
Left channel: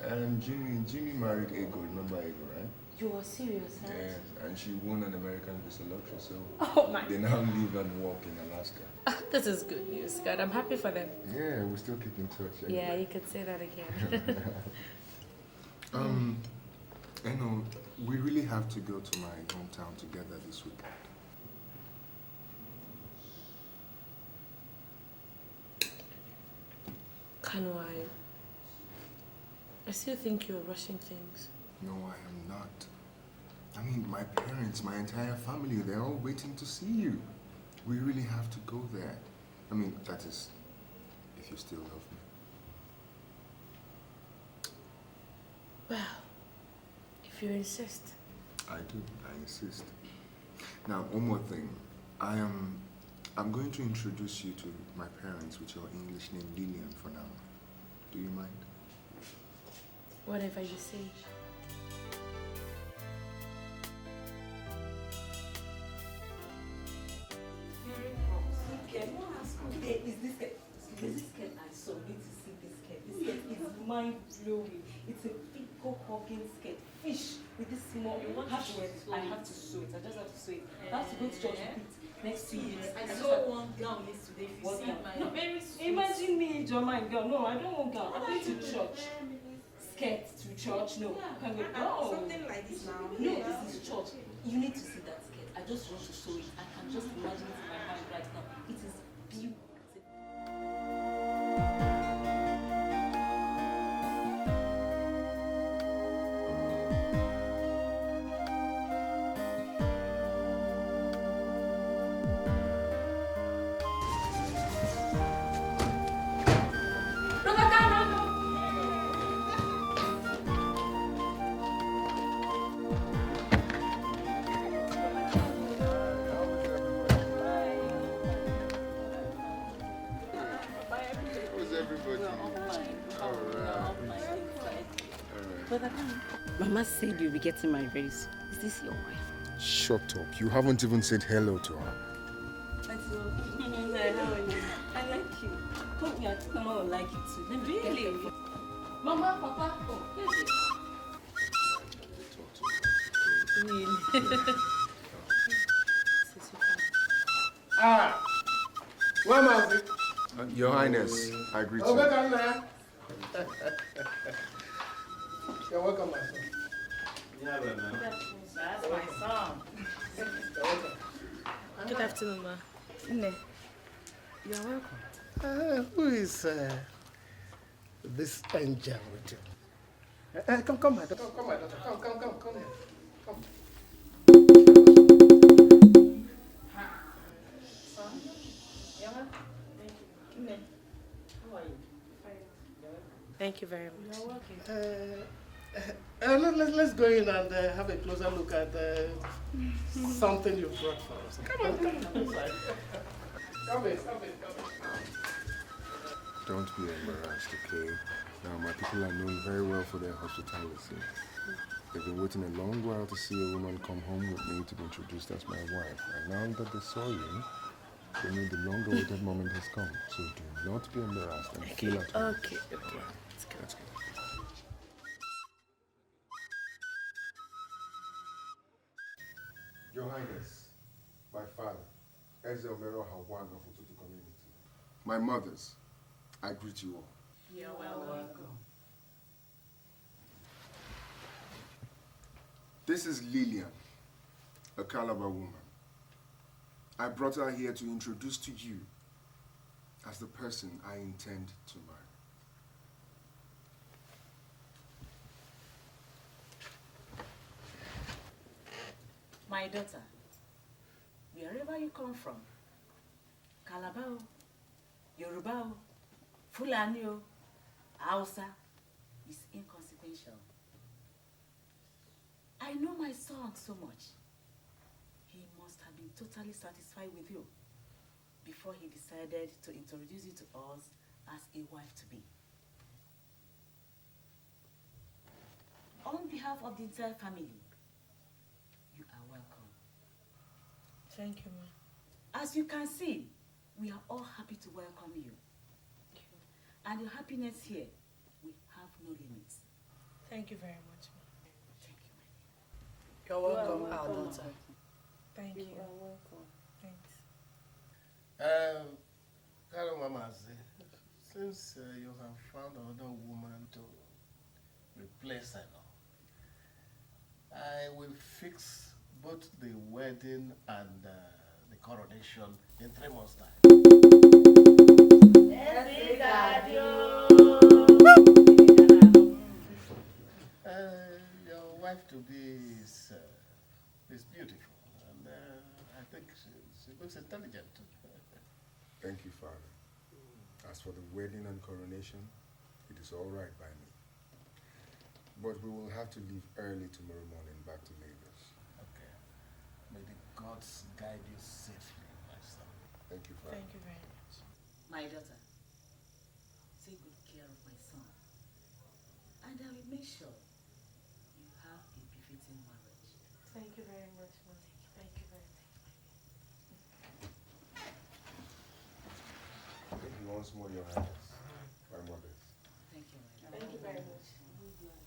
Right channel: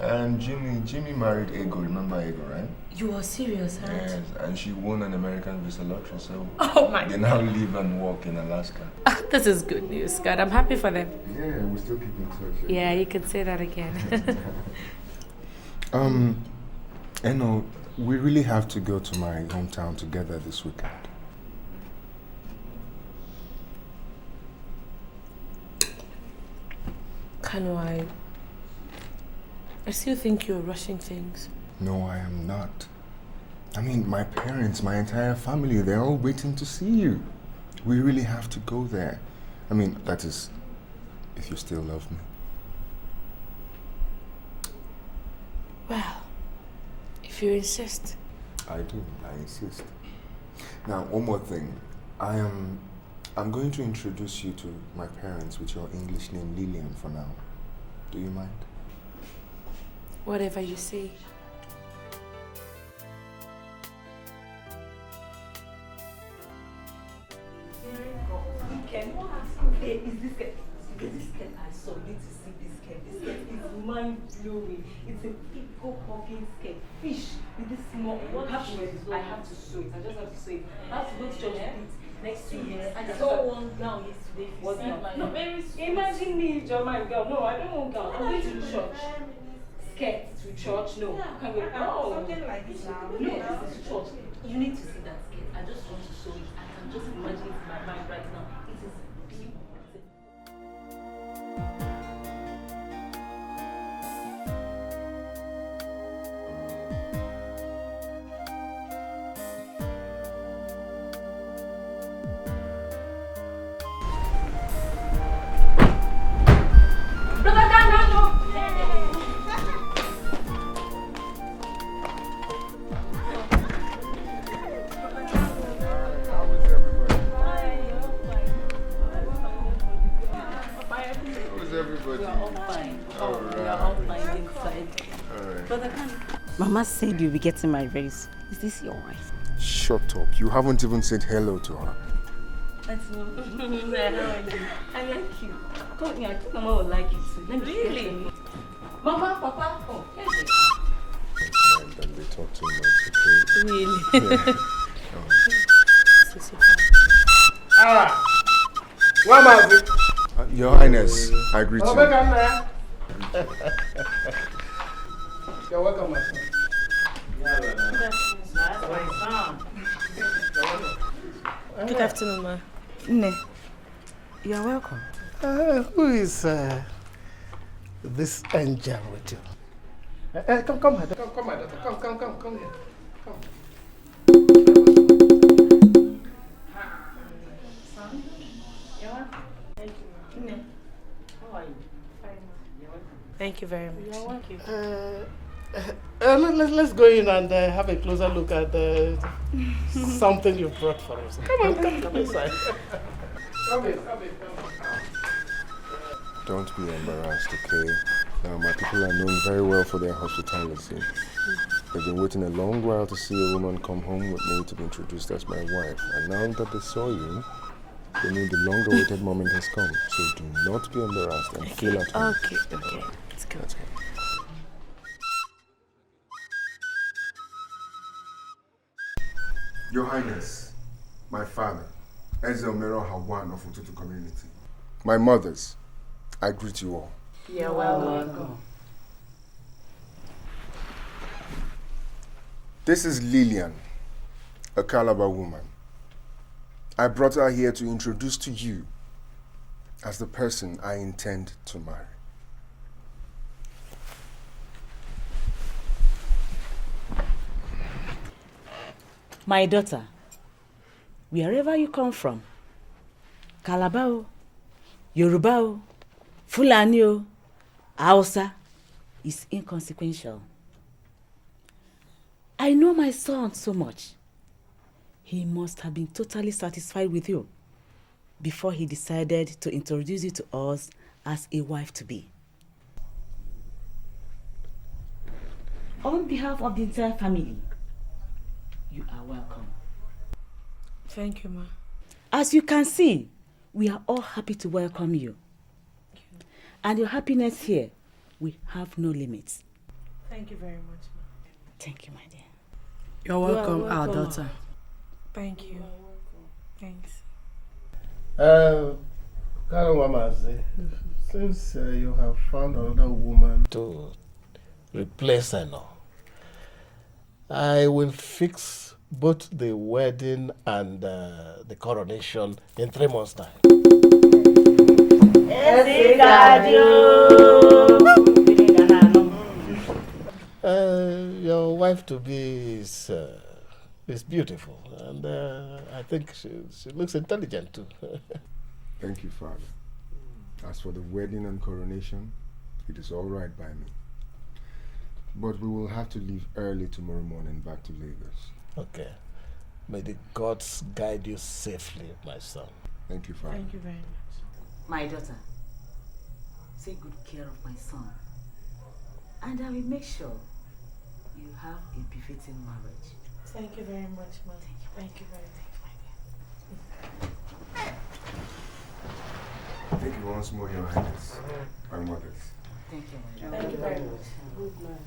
And Jimmy married Ego, remember Ego, right? You are serious, huh? Yes, and she won an American visa lottery, so Oh my they now live and work in Alaska. This is good news, God. I'm happy for them. Yeah, we still keep in touch. Yeah, you could say that again. You know, we really have to go to my hometown together this weekend. Kanu, I still think you're rushing things. No, I am not. I mean, my parents, my entire family, they're all waiting to see you. We really have to go there. I mean, that is, if you still love me. Well, if you insist. I do, I insist. Now, one more thing. I'm going to introduce you to my parents with your English name Lillian for now. Do you mind? Whatever you say. Mind-blowing. It's a pickle-hugging skirt. Fish with this small. What I have to sew it. I just have to sew it. I have to go to church next 2 years. I saw one gown yesterday. Was that no, very sweet. Imagine me, your man girl. No, I don't want gown. I'm going to church. Skirt to church. No, I can't go. No, something like this now. No, this is church. You need to see that skirt. I just want to sew it. I can just imagine it in my mind right now. It is beautiful. Mama said you'll be getting married very soon. Is this your wife? Shut up. You haven't even said hello to her. That's not. I like you. Come here. I think Mama would like you too. Really? Mama, Papa, come. Don't be talk too much. Really? Ah! What am I? Your Highness, I greet you. You're welcome, my son. Good afternoon, ma. Ne, you are welcome. Who is this angel with you? Come, my daughter. Come, my daughter. Come here. Come. Son, you're welcome. Thank you. Ne, how are you? Fine. You're welcome. Thank you very much. You're welcome. Let's go in and have a closer look at something you brought for us. Come inside. Come in. Don't be embarrassed, okay? My people are known very well for their hospitality. They've been waiting a long while to see a woman come home with me to be introduced as my wife. And now that they saw you, they knew the long-awaited moment has come. So do not be embarrassed and feel at home. Okay. Let's go. Let's go. Your Highness, my father, Eze Omero Hawan of Ututu community. My mothers, I greet you all. You're welcome. This is Lillian, a Calabar woman. I brought her here to introduce to you as the person I intend to marry. My daughter, wherever you come from, Calabar, Yoruba, Fulani, Hausa, is inconsequential. I know my son so much. He must have been totally satisfied with you before he decided to introduce you to us as a wife-to-be. On behalf of the entire family, you are welcome. Thank you, Ma. As you can see, we are all happy to welcome you. And your happiness here, we have no limits. Thank you very much, Ma. Thank you, my dear. You're welcome, our daughter. Thank you. Thanks. Since you have found another woman to replace her now, I will fix both the wedding and the coronation in 3 months' time. Your wife-to-be is beautiful, and I think she looks intelligent too. Thank you, Father. As for the wedding and coronation, it is all right by me. But we will have to leave early tomorrow morning back to Lagos. Okay. May the gods guide you safely, my son. Thank you, Father. Thank you very much. My daughter, take good care of my son. And I will make sure you have a befitting marriage. Thank you very much, Ma. Thank you very much. Thank you once more, Your Highness, my mothers. Thank you, my daughter. Thank you very much. Good night.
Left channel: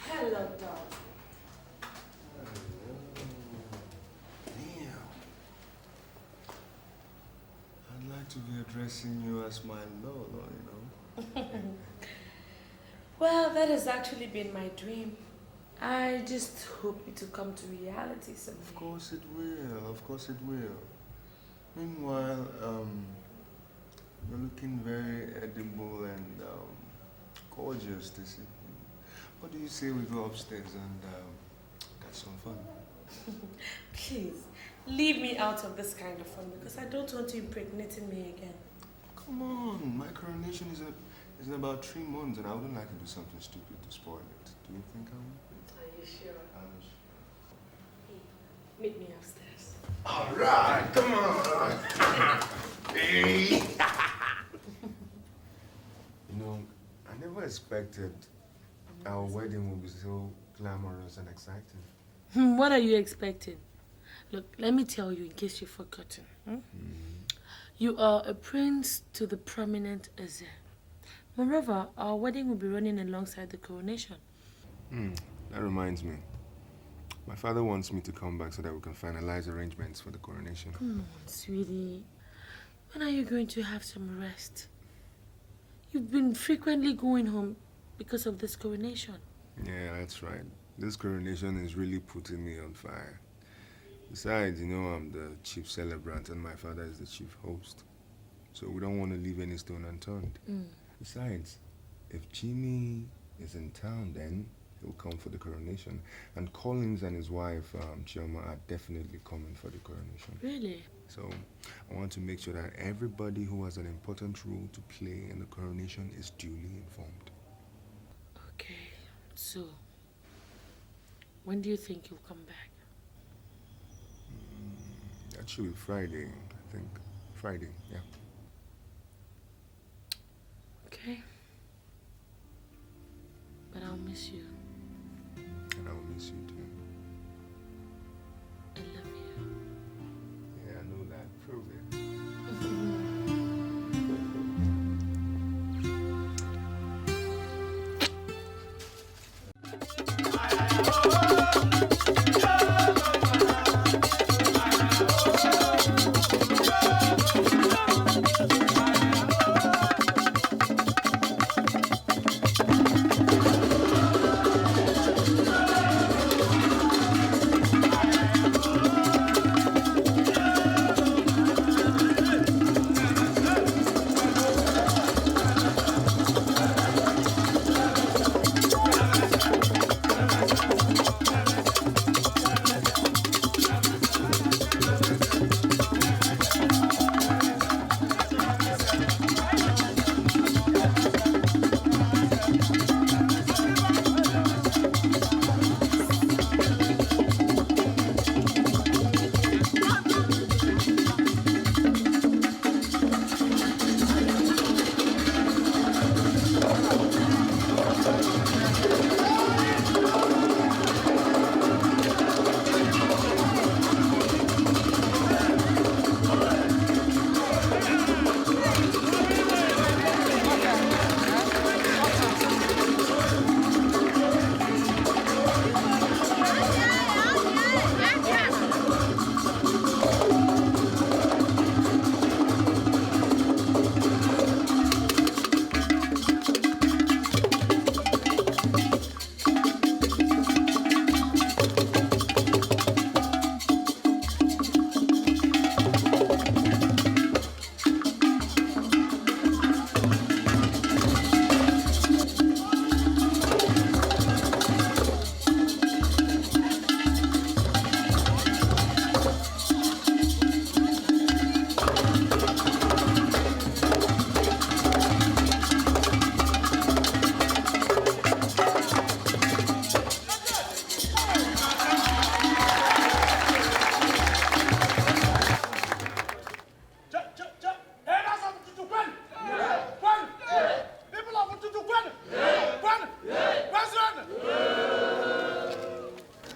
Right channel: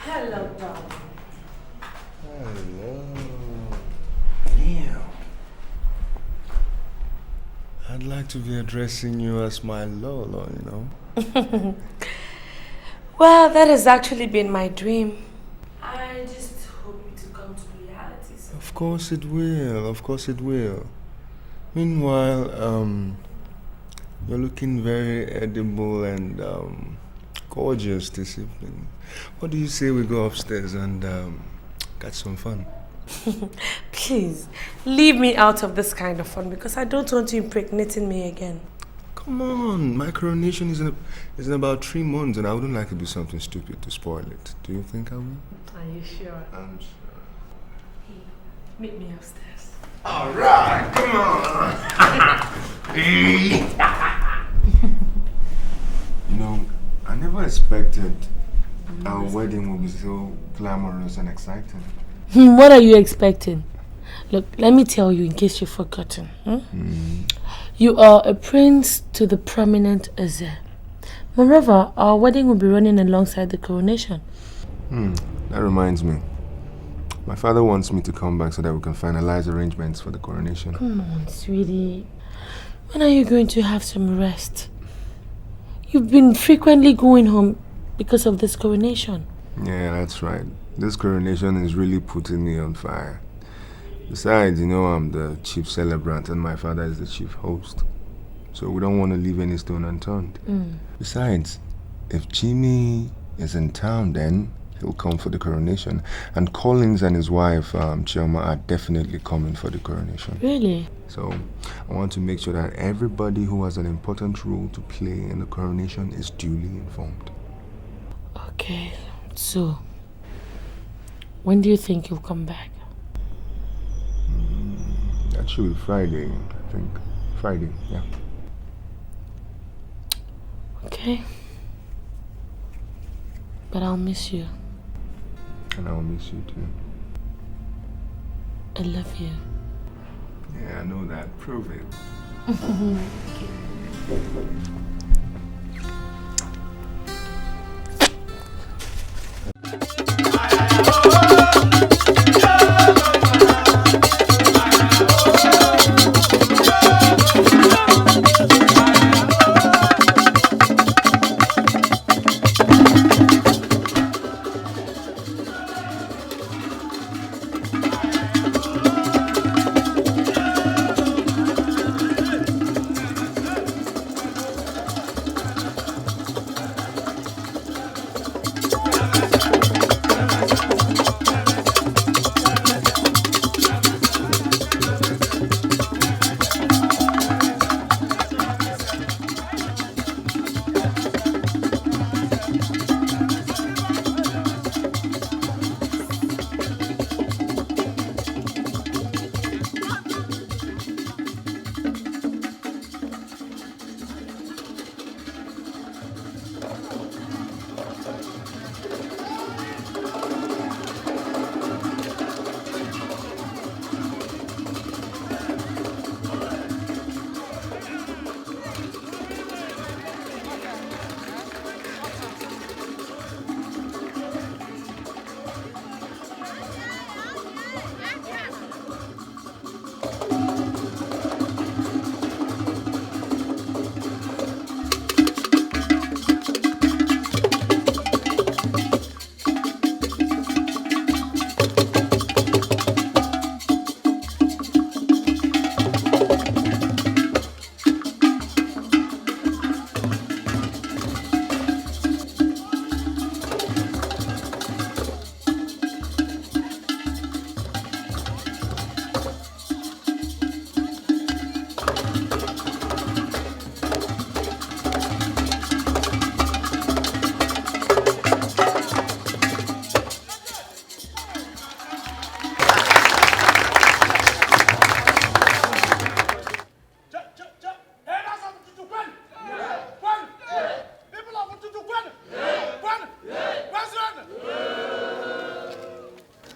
Hello, darling. Hello. Damn. I'd like to be addressing you as my Lolo, you know. Well, that has actually been my dream. I just hope it will come to reality soon. Of course it will. Of course it will. Meanwhile, you're looking very edible and gorgeous this evening. What do you say we go upstairs and catch some fun? Please, leave me out of this kind of fun because I don't want you impregnating me again. Come on, my coronation is in about 3 months and I wouldn't like to do something stupid to spoil it. Do you think I will? Are you sure? I'm sure. Hey, meet me upstairs. All right, come on. You know, I never expected our wedding would be so glamorous and exciting. What are you expecting? Look, let me tell you in case you've forgotten. You are a prince to the prominent Eze. Moreover, our wedding will be running alongside the coronation. That reminds me. My father wants me to come back so that we can finalize arrangements for the coronation. Come on, sweetie. When are you going to have some rest? You've been frequently going home because of this coronation. Yeah, that's right. This coronation is really putting me on fire. Besides, you know, I'm the chief celebrant and my father is the chief host. So we don't want to leave any stone unturned. Besides, if Jimmy is in town then, he'll come for the coronation. And Collins and his wife, Chioma, are definitely coming for the coronation. Really? So I want to make sure that everybody who has an important role to play in the coronation is duly informed. Okay, so when do you think he'll come back? That should be Friday, I think. Friday, yeah. Okay. But I'll miss you. And I'll miss you too. I love you. Yeah, I know that. Prove it.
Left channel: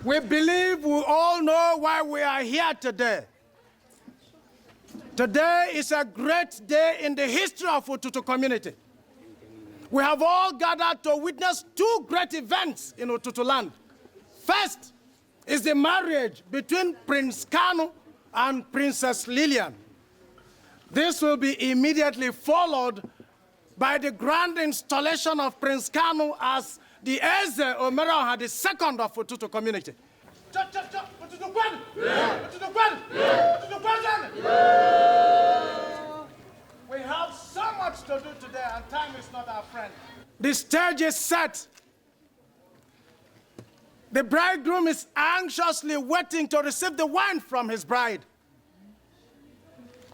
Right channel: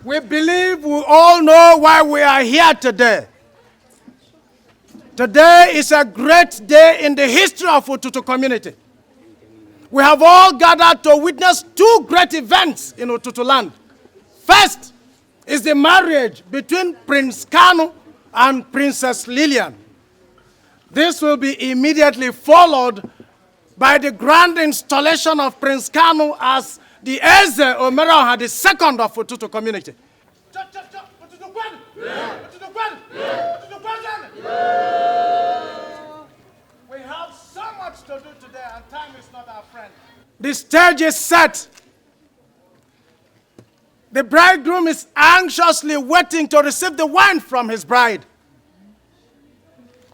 We believe we all know why we are here today. Today is a great day in the history of Ututu community. We have all gathered to witness two great events in Ututu land. First is the marriage between Prince Kalu and Princess Lilian. This will be immediately followed by the grand installation of Prince Kalu as the Eze Omeroha, the second of Ututu community. We have so much to do today, and time is not our friend. The stage is set. The bridegroom is anxiously waiting to receive the wine from his bride.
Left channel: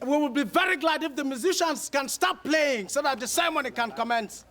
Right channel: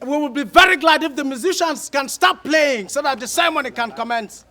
We will be very glad if the musicians can stop playing so that the ceremony can commence.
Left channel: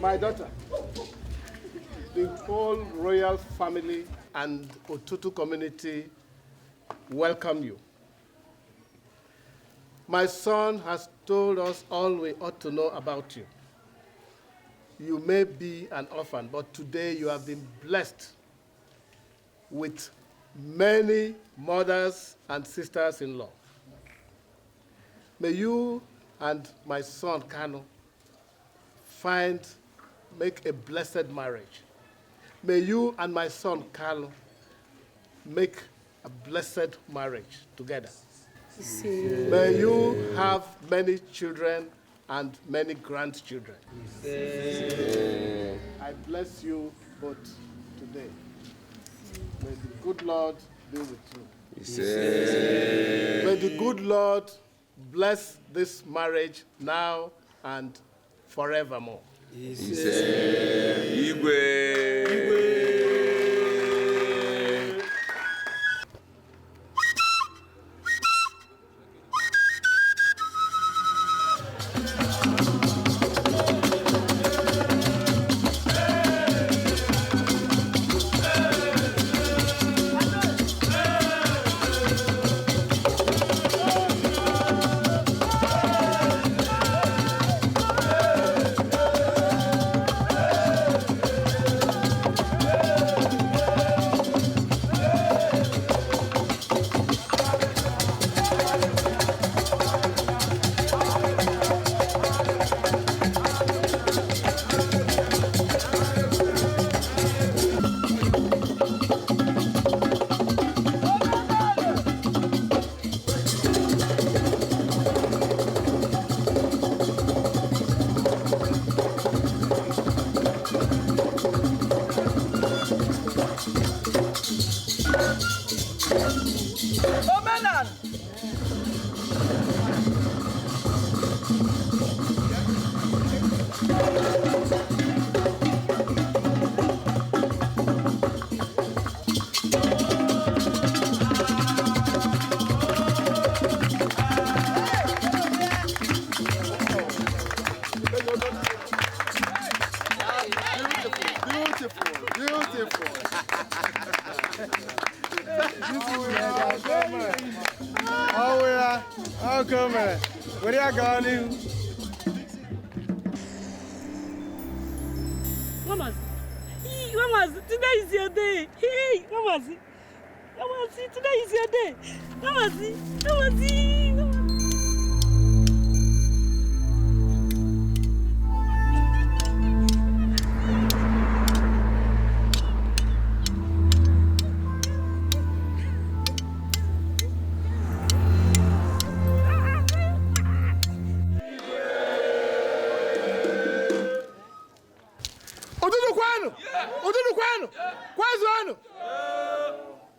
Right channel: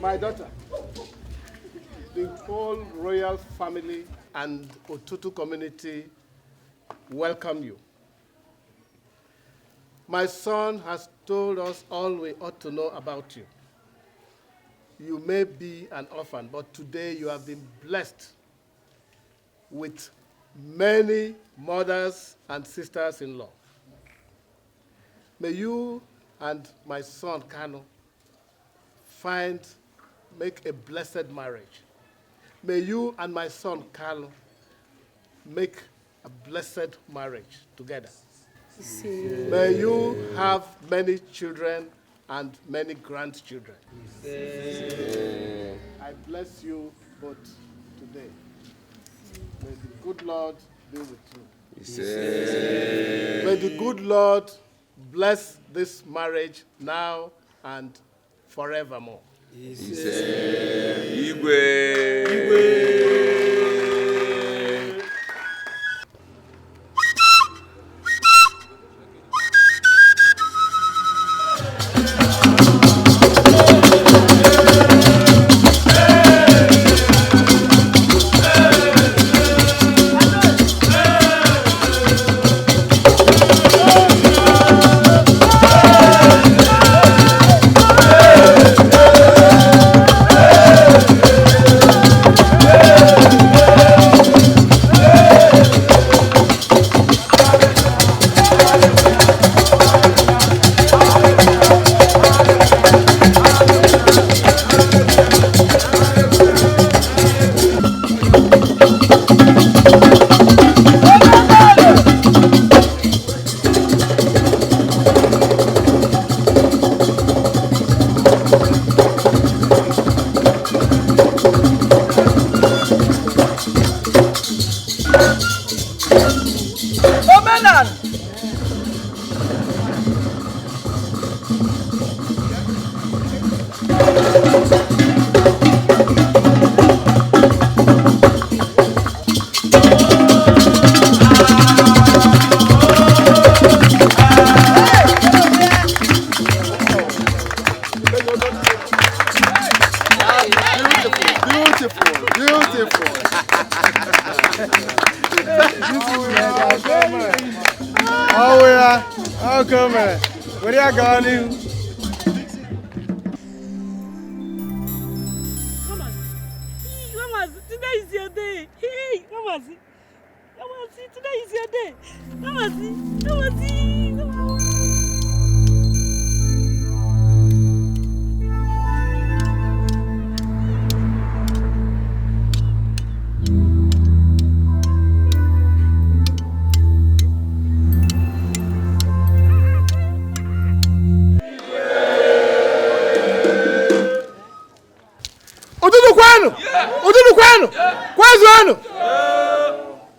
My daughter, the whole royal family and Ututu community welcome you. My son has told us all we ought to know about you. You may be an orphan, but today you have been blessed with many mothers and sisters-in-law. May you and my son, Kanu, make a blessed marriage. May you and my son, Kalu, make a blessed marriage together. May you have many children and many grandchildren. I bless you both today. May the good Lord be with you. May the good Lord bless this marriage now and forevermore.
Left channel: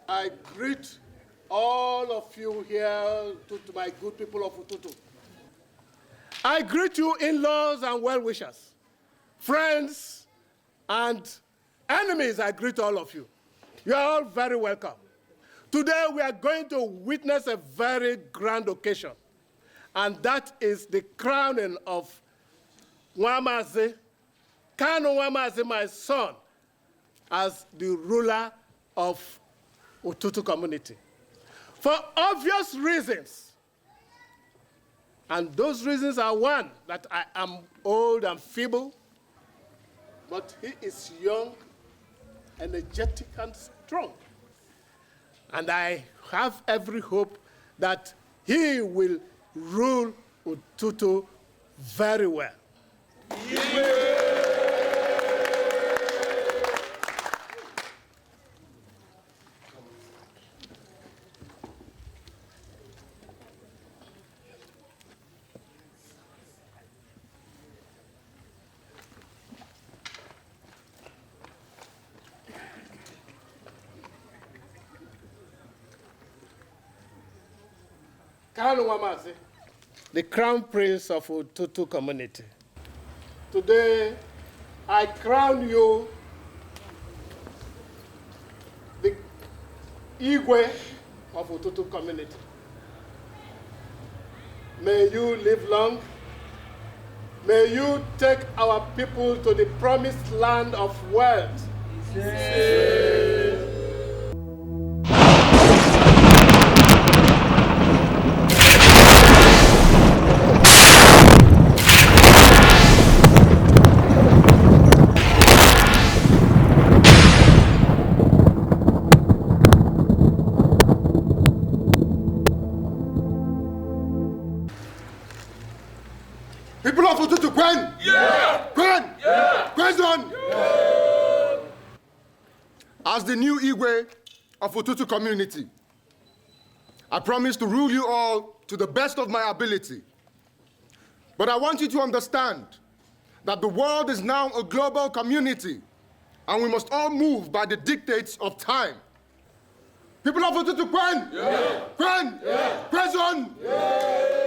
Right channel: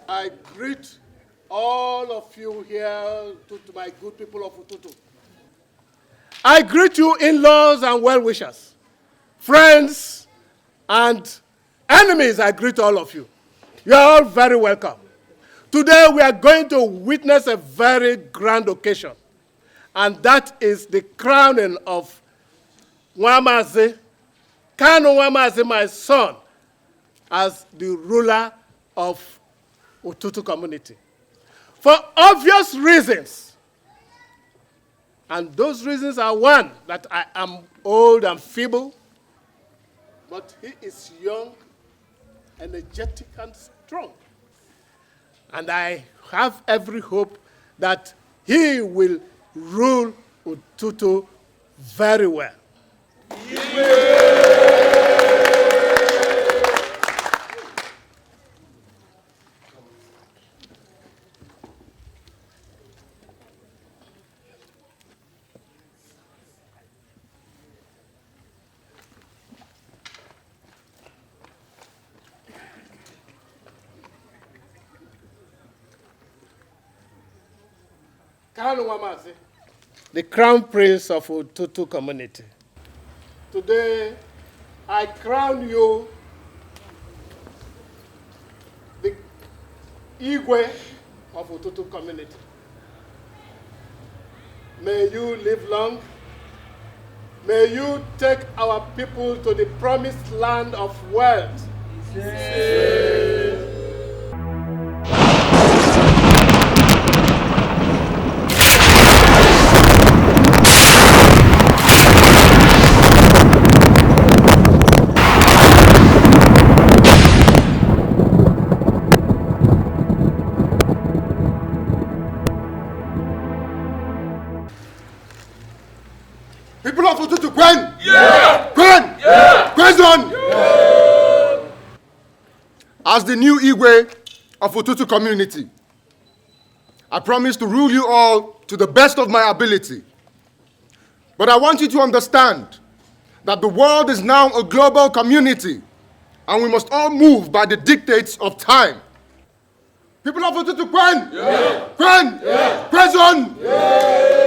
I greet all of you here, to my good people of Ututu. I greet you in-laws and well-wishers, friends and enemies. I greet all of you. You are all very welcome. Today we are going to witness a very grand occasion, and that is the crowning of Kanu Nwamazi, my son, as the ruler of Ututu community. For obvious reasons. And those reasons are, one, that I am old and feeble, but he is young, energetic, and strong. And I have every hope that he will rule Ututu very well. Kanu Nwamazi, the Crown Prince of Ututu community. Today, I crown you the Igwe of Ututu community. May you live long. May you take our people to the promised land of wealth. People of Ututu, Gwen! Yeah! Gwen! Yeah! Gwenson! Yeah! As the new Igwe of Ututu community, I promise to rule you all to the best of my ability. But I want you to understand that the world is now a global community and we must all move by the dictates of time. People of Ututu, Gwen! Yeah! Gwen! Yeah! Gwenson! Yeah!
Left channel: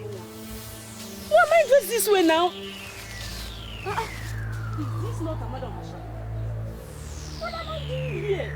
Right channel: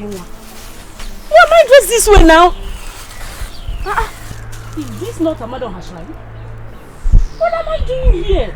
Why am I dressed this way now? Is this not a madam Hashrai? What am I doing here?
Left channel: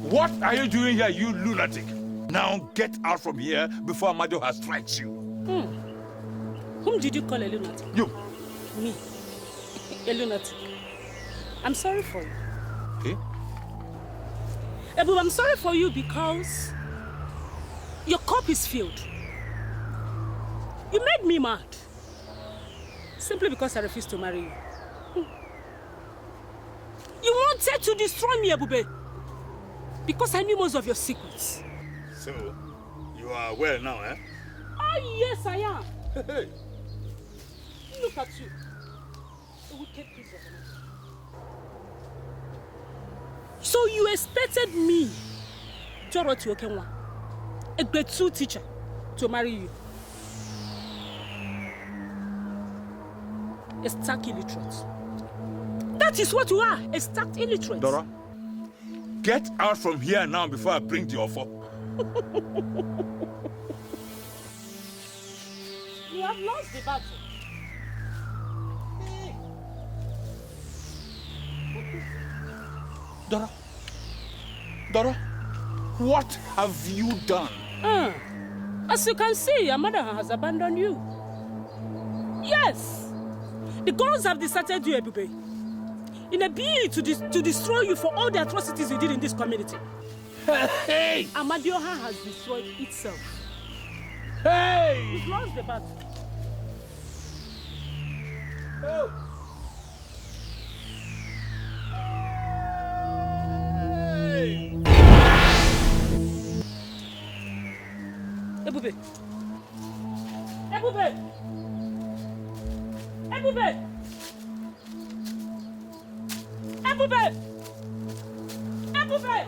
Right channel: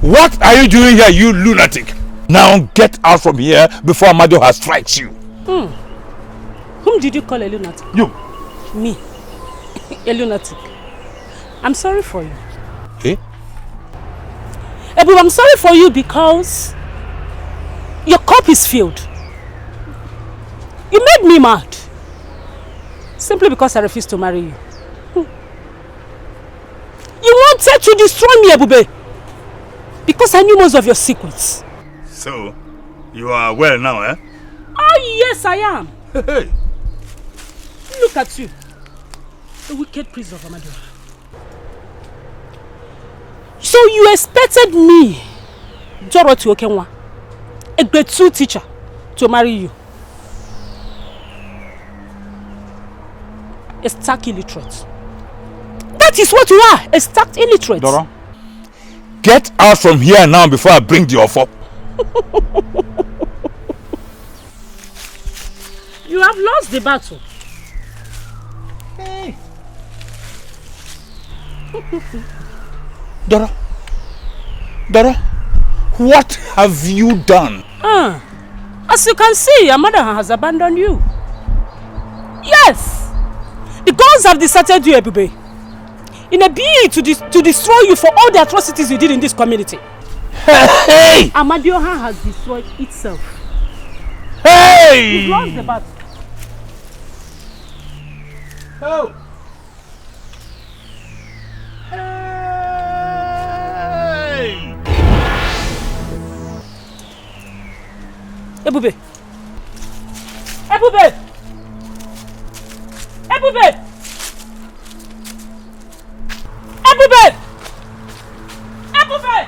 What are you doing here, you lunatic? Now get out from here before Amado has strikes you. Whom did you call a lunatic? You. Me. A lunatic. I'm sorry for you. Eh? Ebu, I'm sorry for you because your cup is filled. You made me mad. Simply because I refused to marry you. You wanted to destroy me, Ebube. Because I knew most of your secrets. So, you are well now, eh? Oh, yes, I am. Hey. Look at you. The wicked priest of Amado. So you expected me, Dorothy Okenwa, a grade 2 teacher, to marry you? A stark illiterate. That is what you are, a stark illiterate. Doro, get out from here now before I bring the offer. You have lost the battle. Hey. Dora, what have you done? As you can see, your mother has abandoned you. Yes, the gods have deserted you, Ebube, in a bid to destroy you for all the atrocities you did in this community. Hey! Amadioha has destroyed itself. Hey! You've lost the battle. Oh! Ebube! Ebube! Ebube! Ebube! Ebube!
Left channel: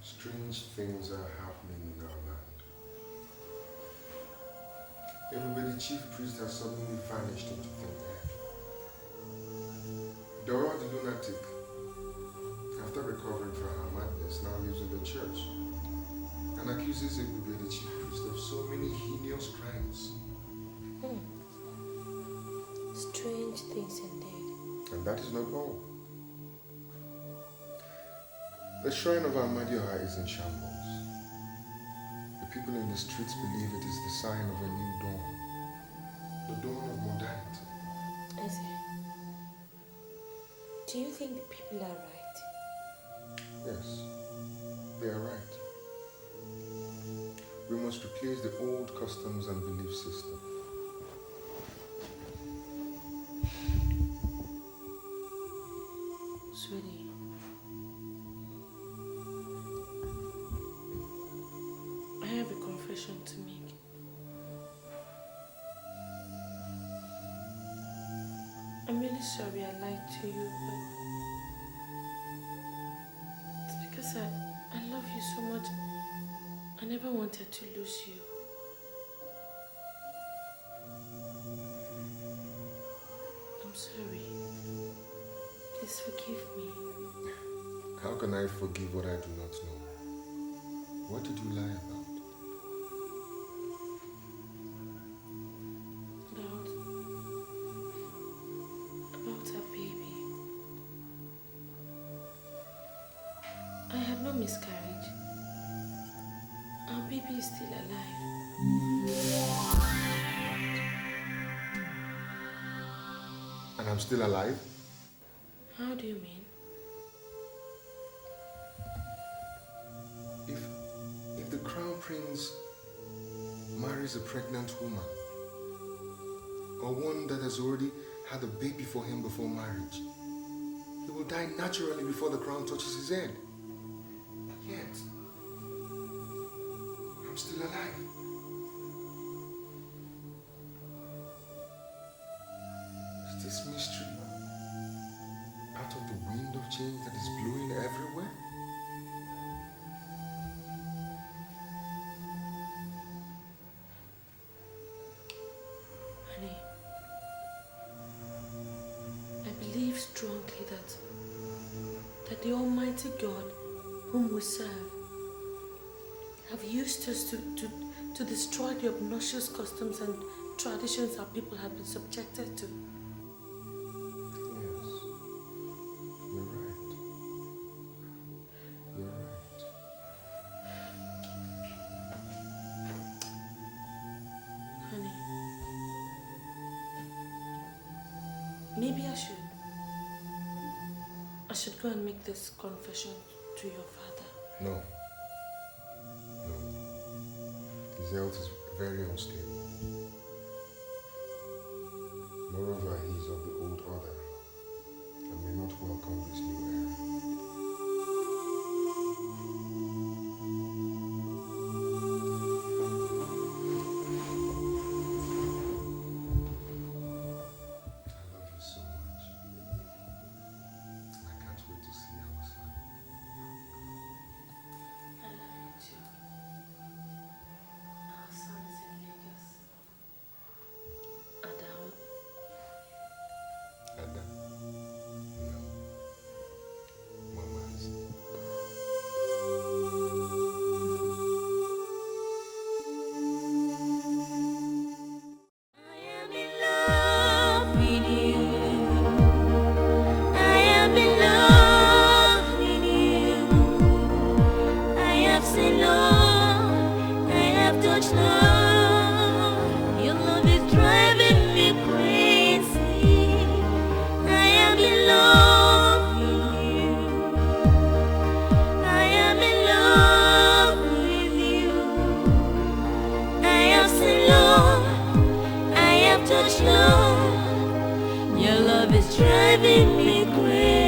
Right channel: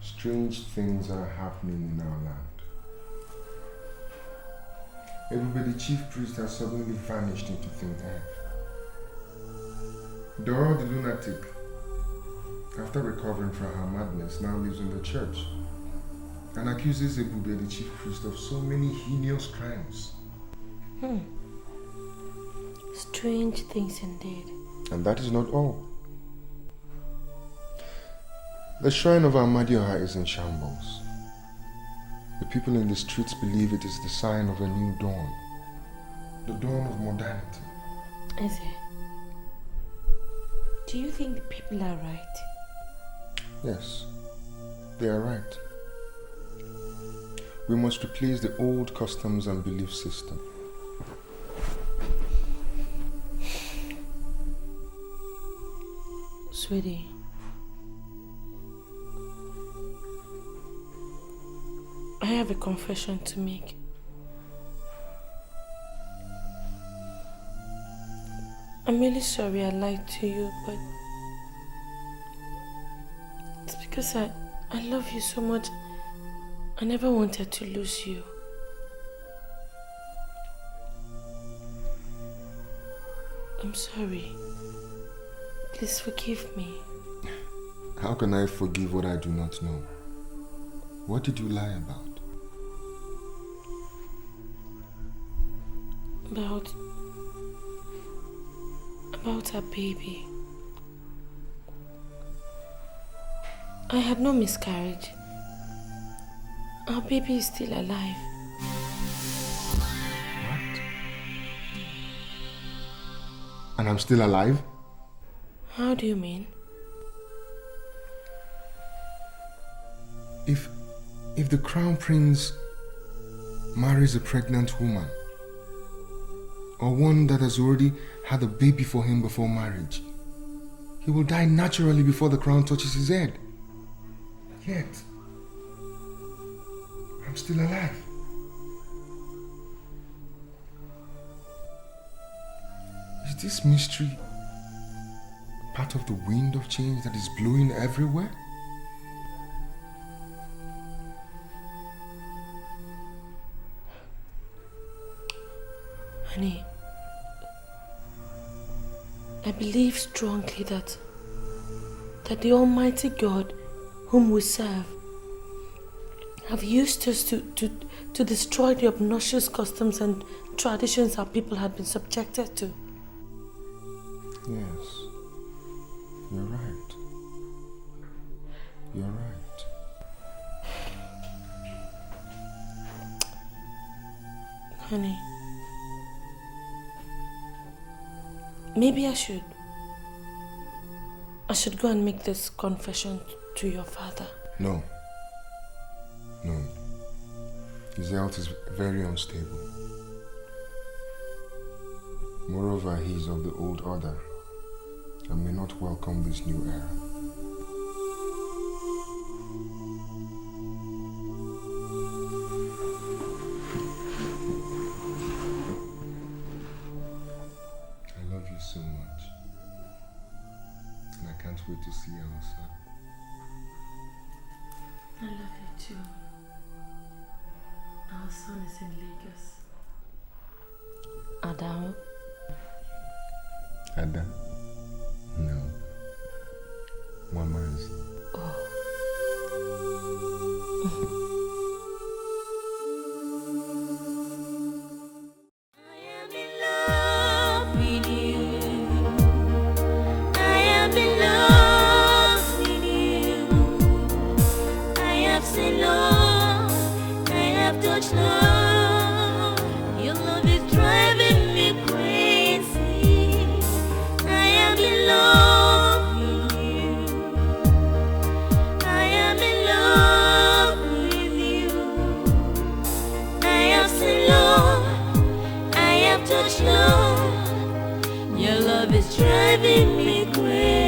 Strange things are happening in our land. Everybody, the chief priest has suddenly vanished into thin air. Dora the lunatic, after recovering from her madness, now lives in the church and accuses Ebube, the chief priest, of so many heinous crimes. Strange things indeed. And that is not all. The shrine of Amadioha is in shambles. The people in the streets believe it is the sign of a new dawn. The dawn of modernity. Eze, do you think the people are right? Yes, they are right. We must replace the old customs and belief system. Sweetie, I have a confession to make. I'm really sorry I lied to you, but it's because I love you so much. I never wanted to lose you. I'm sorry. Please forgive me. How can I forgive what I do not know? What did you lie about? About our baby. I had no miscarriage. Our baby is still alive. And I'm still alive? How do you mean? If the crown prince marries a pregnant woman, or one that has already had a baby for him before marriage, he will die naturally before the crown touches his head. Yet, I'm still alive. Is this mystery part of the wind of change that is blowing everywhere? Honey, I believe strongly that the Almighty God whom we serve have used us to destroy the obnoxious customs and traditions our people have been subjected to. Yes, you're right. You're right. Honey, maybe I should go and make this confession to your father. No. His health is very unstable. Moreover, he is of the old order and may not welcome this new era. I love you so much, and I can't wait to see our son. I love you too. Our son is in Lagos. Adam. Ada? No. Mama's. Your love is driving me crazy.